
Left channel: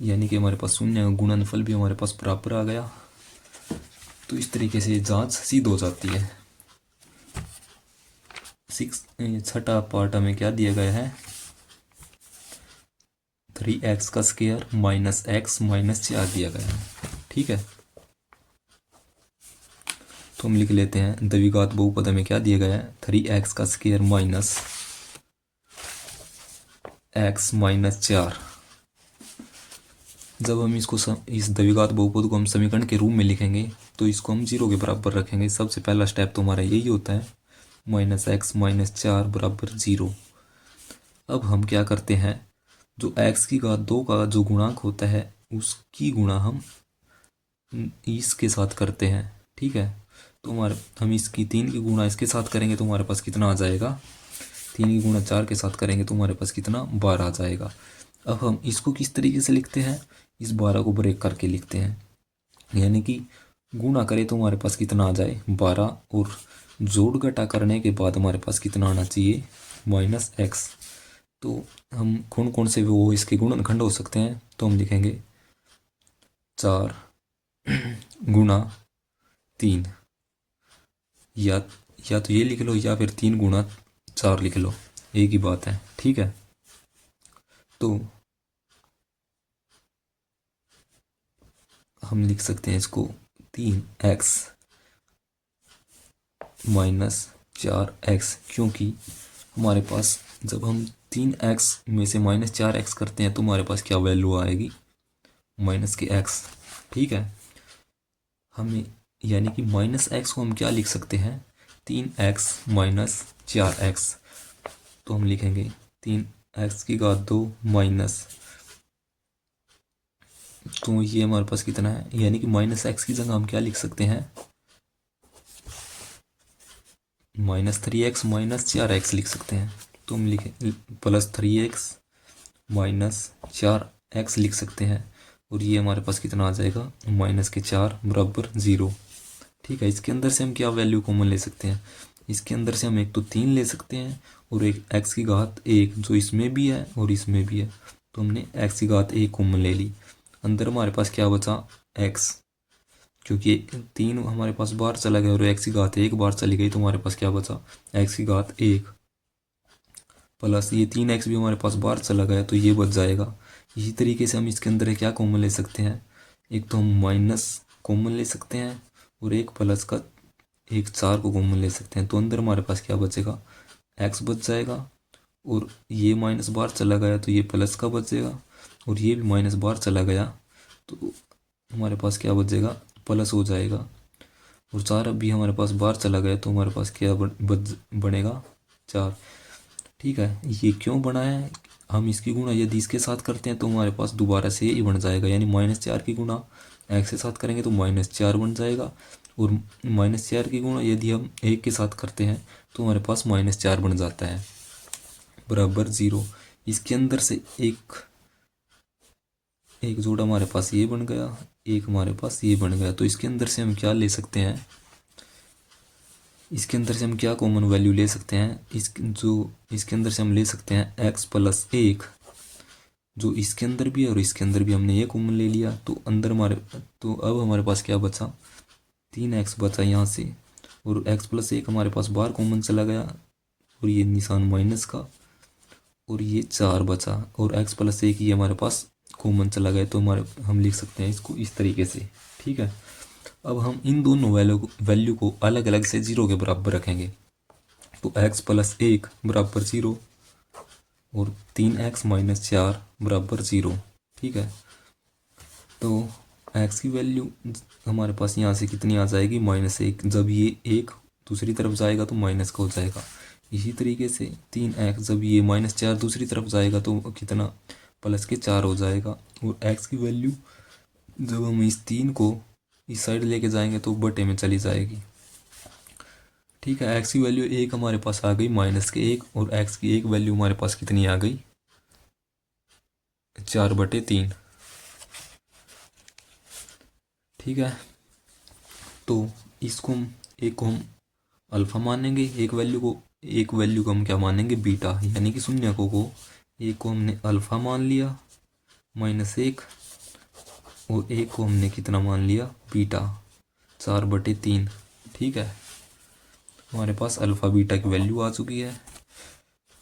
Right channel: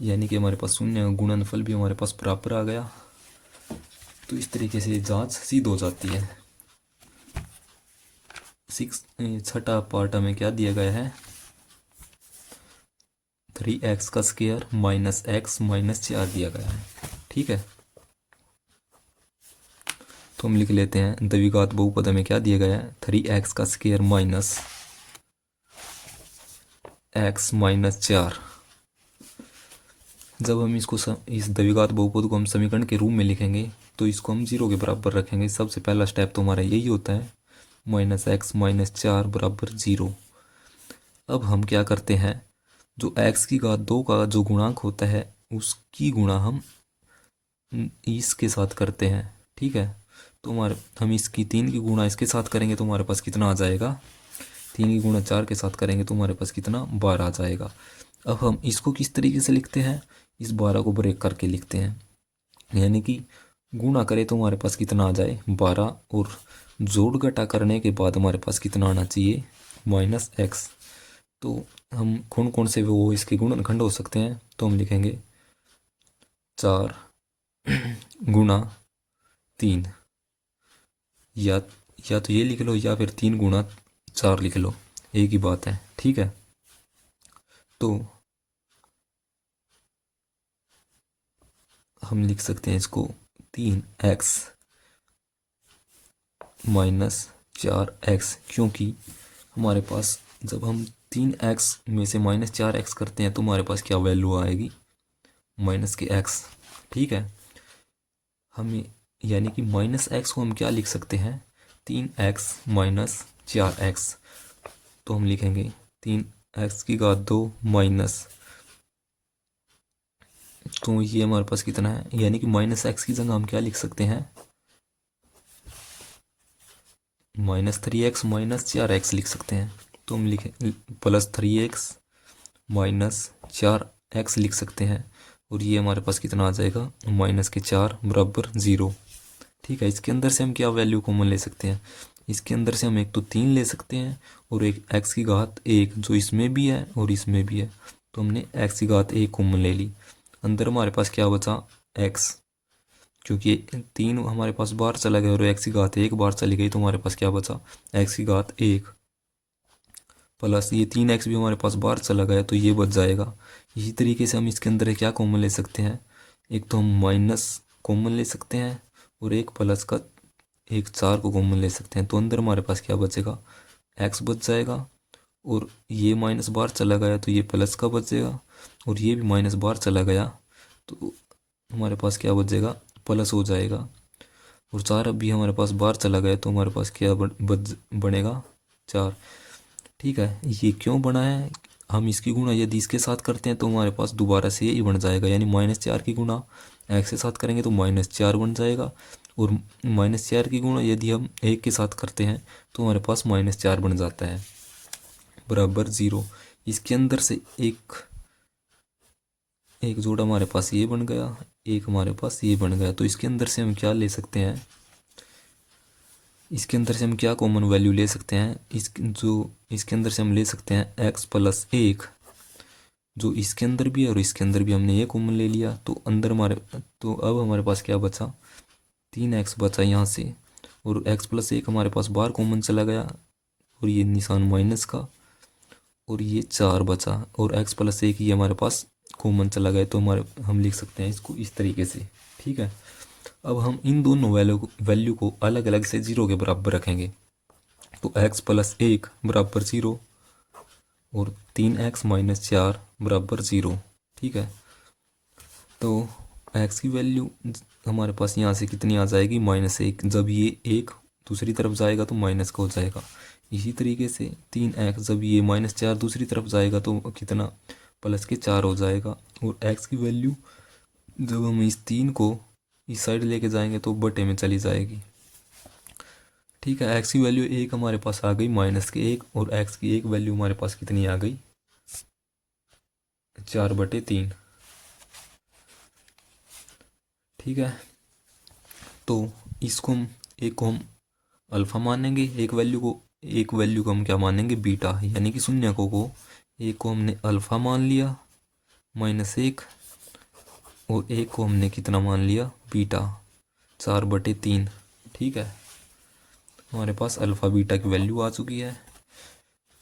यानी कि हमारे पास शून्य गुणनफल भी हमारे पास बराबर आ गया। तो इस तरीके से जांच सिद्ध हो जाती है। छठा पार्ट हमें क्या दिया गया है, 3x का स्क्वायर माइनस x माइनस 4 दिया गया है। ठीक है, तो हम लिख लेते हैं द्विघात बहुपद में क्या दिया गया है, 3x का स्क्वायर माइनस x माइनस 4। जब हम इसको इस द्विघात बहुपद को हम समीकरण के रूप में लिखेंगे तो इसको हम 0 के बराबर रखेंगे। सबसे पहला स्टेप तो हमारा यही होता है, -x माइनस 4 बराबर 0। अब हम क्या करते हैं, जो x की घात 2 का जो गुणांक होता है उसकी गुणा हम इसके साथ करते हैं। ठीक है, तो हम इसकी 3 की गुणा इसके साथ करेंगे तो हमारे पास कितना आ जाएगा, 3 की गुणा 4 के साथ करेंगे तो हमारे पास कितना, 12 आ जाएगा। अब हम इसको किस तरीके से लिखते हैं, इस 12 को ब्रेक करके लिखते हैं, यानी कि गुणा करें तो हमारे पास कितना आ जाए, 12, और जोड़ घटा करने के बाद हमारे पास कितना आना चाहिए, -x। तो हम कौन कौन से वो इसके गुणनखंड हो सकते हैं, तो हम लिखेंगे 4 गुणा 3, या तो ये लिख लो या फिर 3 गुणा 4 लिख लो, एक ही बात है। ठीक है, तो हम लिख सकते हैं इसको 3x माइनस 4x, क्योंकि हमारे पास जब हम 3x में से -4x करते हैं तो हमारे पास क्या वैल्यू आएगी, माइनस के x। ठीक है, हमें यानी कि -x को हम क्या लिख सकते हैं, 3x माइनस 4x। तो हम लिखेंगे 3x की घात 2 माइनस, तो ये हमारे पास कितना है, यानी कि -x की जगह हम क्या लिख सकते हैं, -3x माइनस 4x लिख सकते हैं। तो हम लिखें +3x माइनस 4x लिख सकते हैं, और ये हमारे पास कितना आ जाएगा, -4 बराबर 0। ठीक है, इसके अंदर से हम क्या वैल्यू कॉमन ले सकते हैं, इसके अंदर से हम एक तो 3 ले सकते हैं और एक x की घात 1 जो इसमें भी है और इसमें भी है, तो हमने x की घात 1 कॉमन ले ली। अंदर हमारे पास क्या बचा, x, क्योंकि 3 हमारे पास बाहर चला गया और x की घात 1 बाहर चली गई, तो हमारे पास क्या बचा, x की घात 1 प्लस ये 3x भी हमारे पास बाहर चला गया तो ये बच जाएगा। इसी तरीके से हम इसके अंदर क्या कॉमन ले सकते हैं, एक तो हम माइनस कॉमन ले सकते हैं और एक प्लस का एक 4 को कॉमन ले सकते हैं, तो अंदर हमारे पास क्या बचेगा, x बच जाएगा, और ये माइनस बाहर चला गया तो ये प्लस का बचेगा, और ये भी माइनस बाहर चला गया तो हमारे पास क्या बचेगा, प्लस हो जाएगा, और 4 अब भी हमारे पास बाहर चला गया तो हमारे पास क्या बनेगा, 4। ठीक है, ये क्यों बना है, हम इसकी गुणा यदि इसके साथ करते हैं तो हमारे पास दोबारा से यही बन जाएगा, यानी -4 की गुणा x के साथ करेंगे तो -4 बन जाएगा, और -4 की गुणा यदि हम 1 के साथ करते हैं तो हमारे पास -4 बन जाता है, बराबर 0। इसके अंदर से एक एक जोड़ा हमारे पास ये बन गया, एक हमारे पास ये बन गया। तो इसके अंदर से हम क्या ले सकते हैं, इसके अंदर से हम क्या कॉमन वैल्यू ले सकते हैं, इसके अंदर से हम ले सकते हैं x प्लस 1, जो इसके अंदर भी है और इसके अंदर भी हमने ये कॉमन ले लिया। तो अंदर हमारे, तो अब हमारे पास क्या बचा, 3x बचा यहाँ से, और x प्लस 1 हमारे पास बाहर कॉमन चला गया और ये निशान माइनस का, और ये 4 बचा, और x प्लस 1 ये हमारे पास कॉमन चला गया। तो हम लिख सकते हैं इसको इस तरीके से। ठीक है, अब हम इन दोनों वैल्यू को अलग अलग से 0 के बराबर रखेंगे। तो x प्लस 1 बराबर 0 और 3x माइनस 4 बराबर 0। ठीक है, तो x की वैल्यू हमारे पास यहाँ से कितनी आ जाएगी, -1। जब ये 1 दूसरी तरफ जाएगा तो माइनस का हो जाएगा। इसी तरीके से 3x जब ये -4 दूसरी तरफ जाएगा तो कितना, प्लस के 4 हो जाएगा। और x की वैल्यू जब हम इस 3 को इस साइड लेके जाएंगे तो बटे में चली जाएगी। ठीक है, x की वैल्यू 1 हमारे पास आ गई -1, और x की एक वैल्यू हमारे पास कितनी आ गई, 4/3। ठीक है, तो इसको हम एक को हम अल्फा मानेंगे, एक वैल्यू को हम क्या मानेंगे, बीटा, यानी कि शून्य को एक को हमने अल्फा मान लिया -1, और एक को हमने कितना मान लिया, बीटा, 4/3। ठीक है, हमारे पास अल्फा बीटा की वैल्यू आ चुकी है।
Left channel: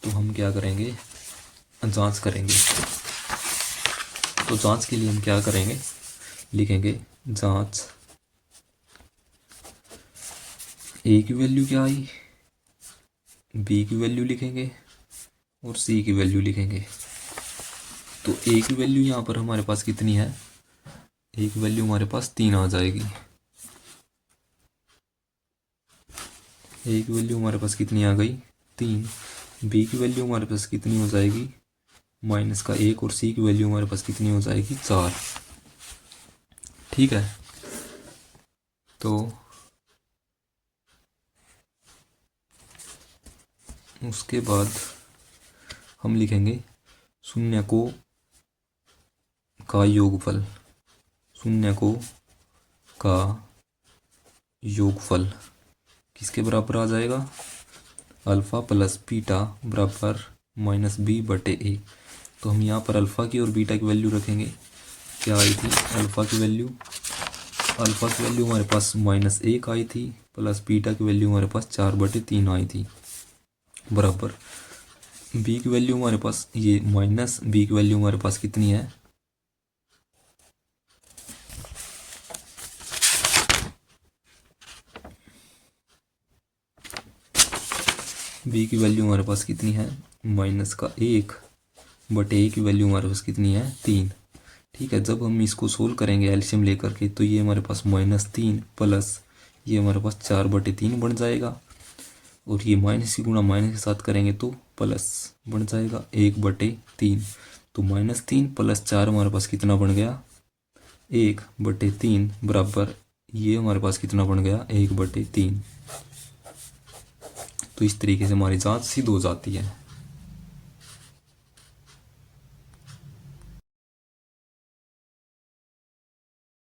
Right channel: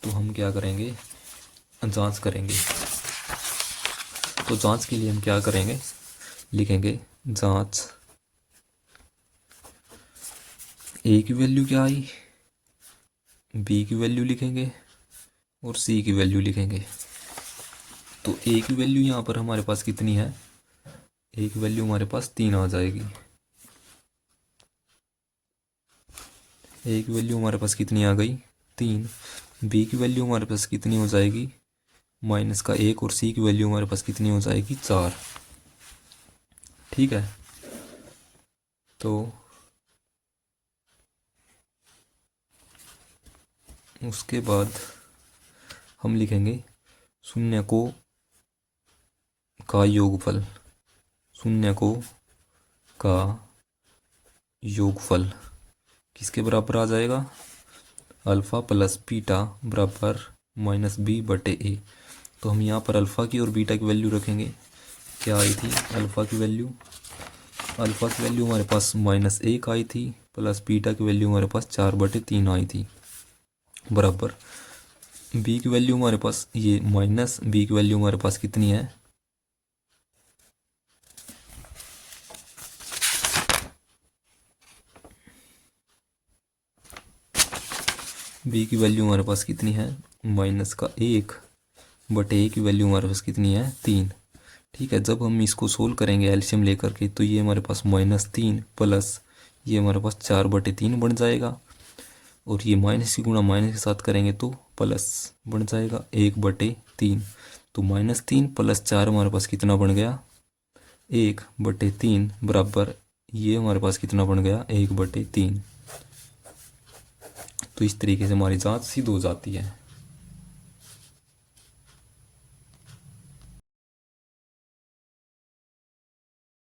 तो हम क्या करेंगे, जांच करेंगे। तो जांच के लिए हम क्या करेंगे, लिखेंगे जांच ए की वैल्यू क्या आई, बी की वैल्यू लिखेंगे और सी की वैल्यू लिखेंगे। तो ए की वैल्यू यहाँ पर हमारे पास कितनी है, ए की वैल्यू हमारे पास 3 आ जाएगी। ए की वैल्यू हमारे पास कितनी आ गई, 3। बी की वैल्यू हमारे पास कितनी हो जाएगी, -1, और सी की वैल्यू हमारे पास कितनी हो जाएगी, 4। ठीक है, तो उसके बाद हम लिखेंगे शून्य को का योगफल, शून्य को का योगफल किसके बराबर आ जाएगा, अल्फा प्लस बीटा बराबर -b/a। तो हम यहाँ पर अल्फा की और बीटा की वैल्यू रखेंगे। क्या आई थी अल्फा की वैल्यू हमारे पास -1 आई थी, प्लस बीटा की वैल्यू हमारे पास 4/3 आई थी, बराबर बी की वैल्यू हमारे पास ये -b की वैल्यू हमारे पास कितनी है, बी की वैल्यू हमारे पास कितनी है, -1/a की वैल्यू हमारे पास कितनी है, 3। ठीक है, जब हम इसको सोल्व करेंगे एलसीएम लेकर के तो ये हमारे पास -3 प्लस ये हमारे पास 4/3 बन जाएगा, और ये माइनस की गुणा माइनस के साथ करेंगे तो प्लस बन जाएगा 1/3। तो -3 + 4 हमारे पास कितना बन गया, 1/3 बराबर ये हमारे पास कितना बन गया, 1/3। तो इस तरीके से हमारी जांच सिद्ध हो जाती है।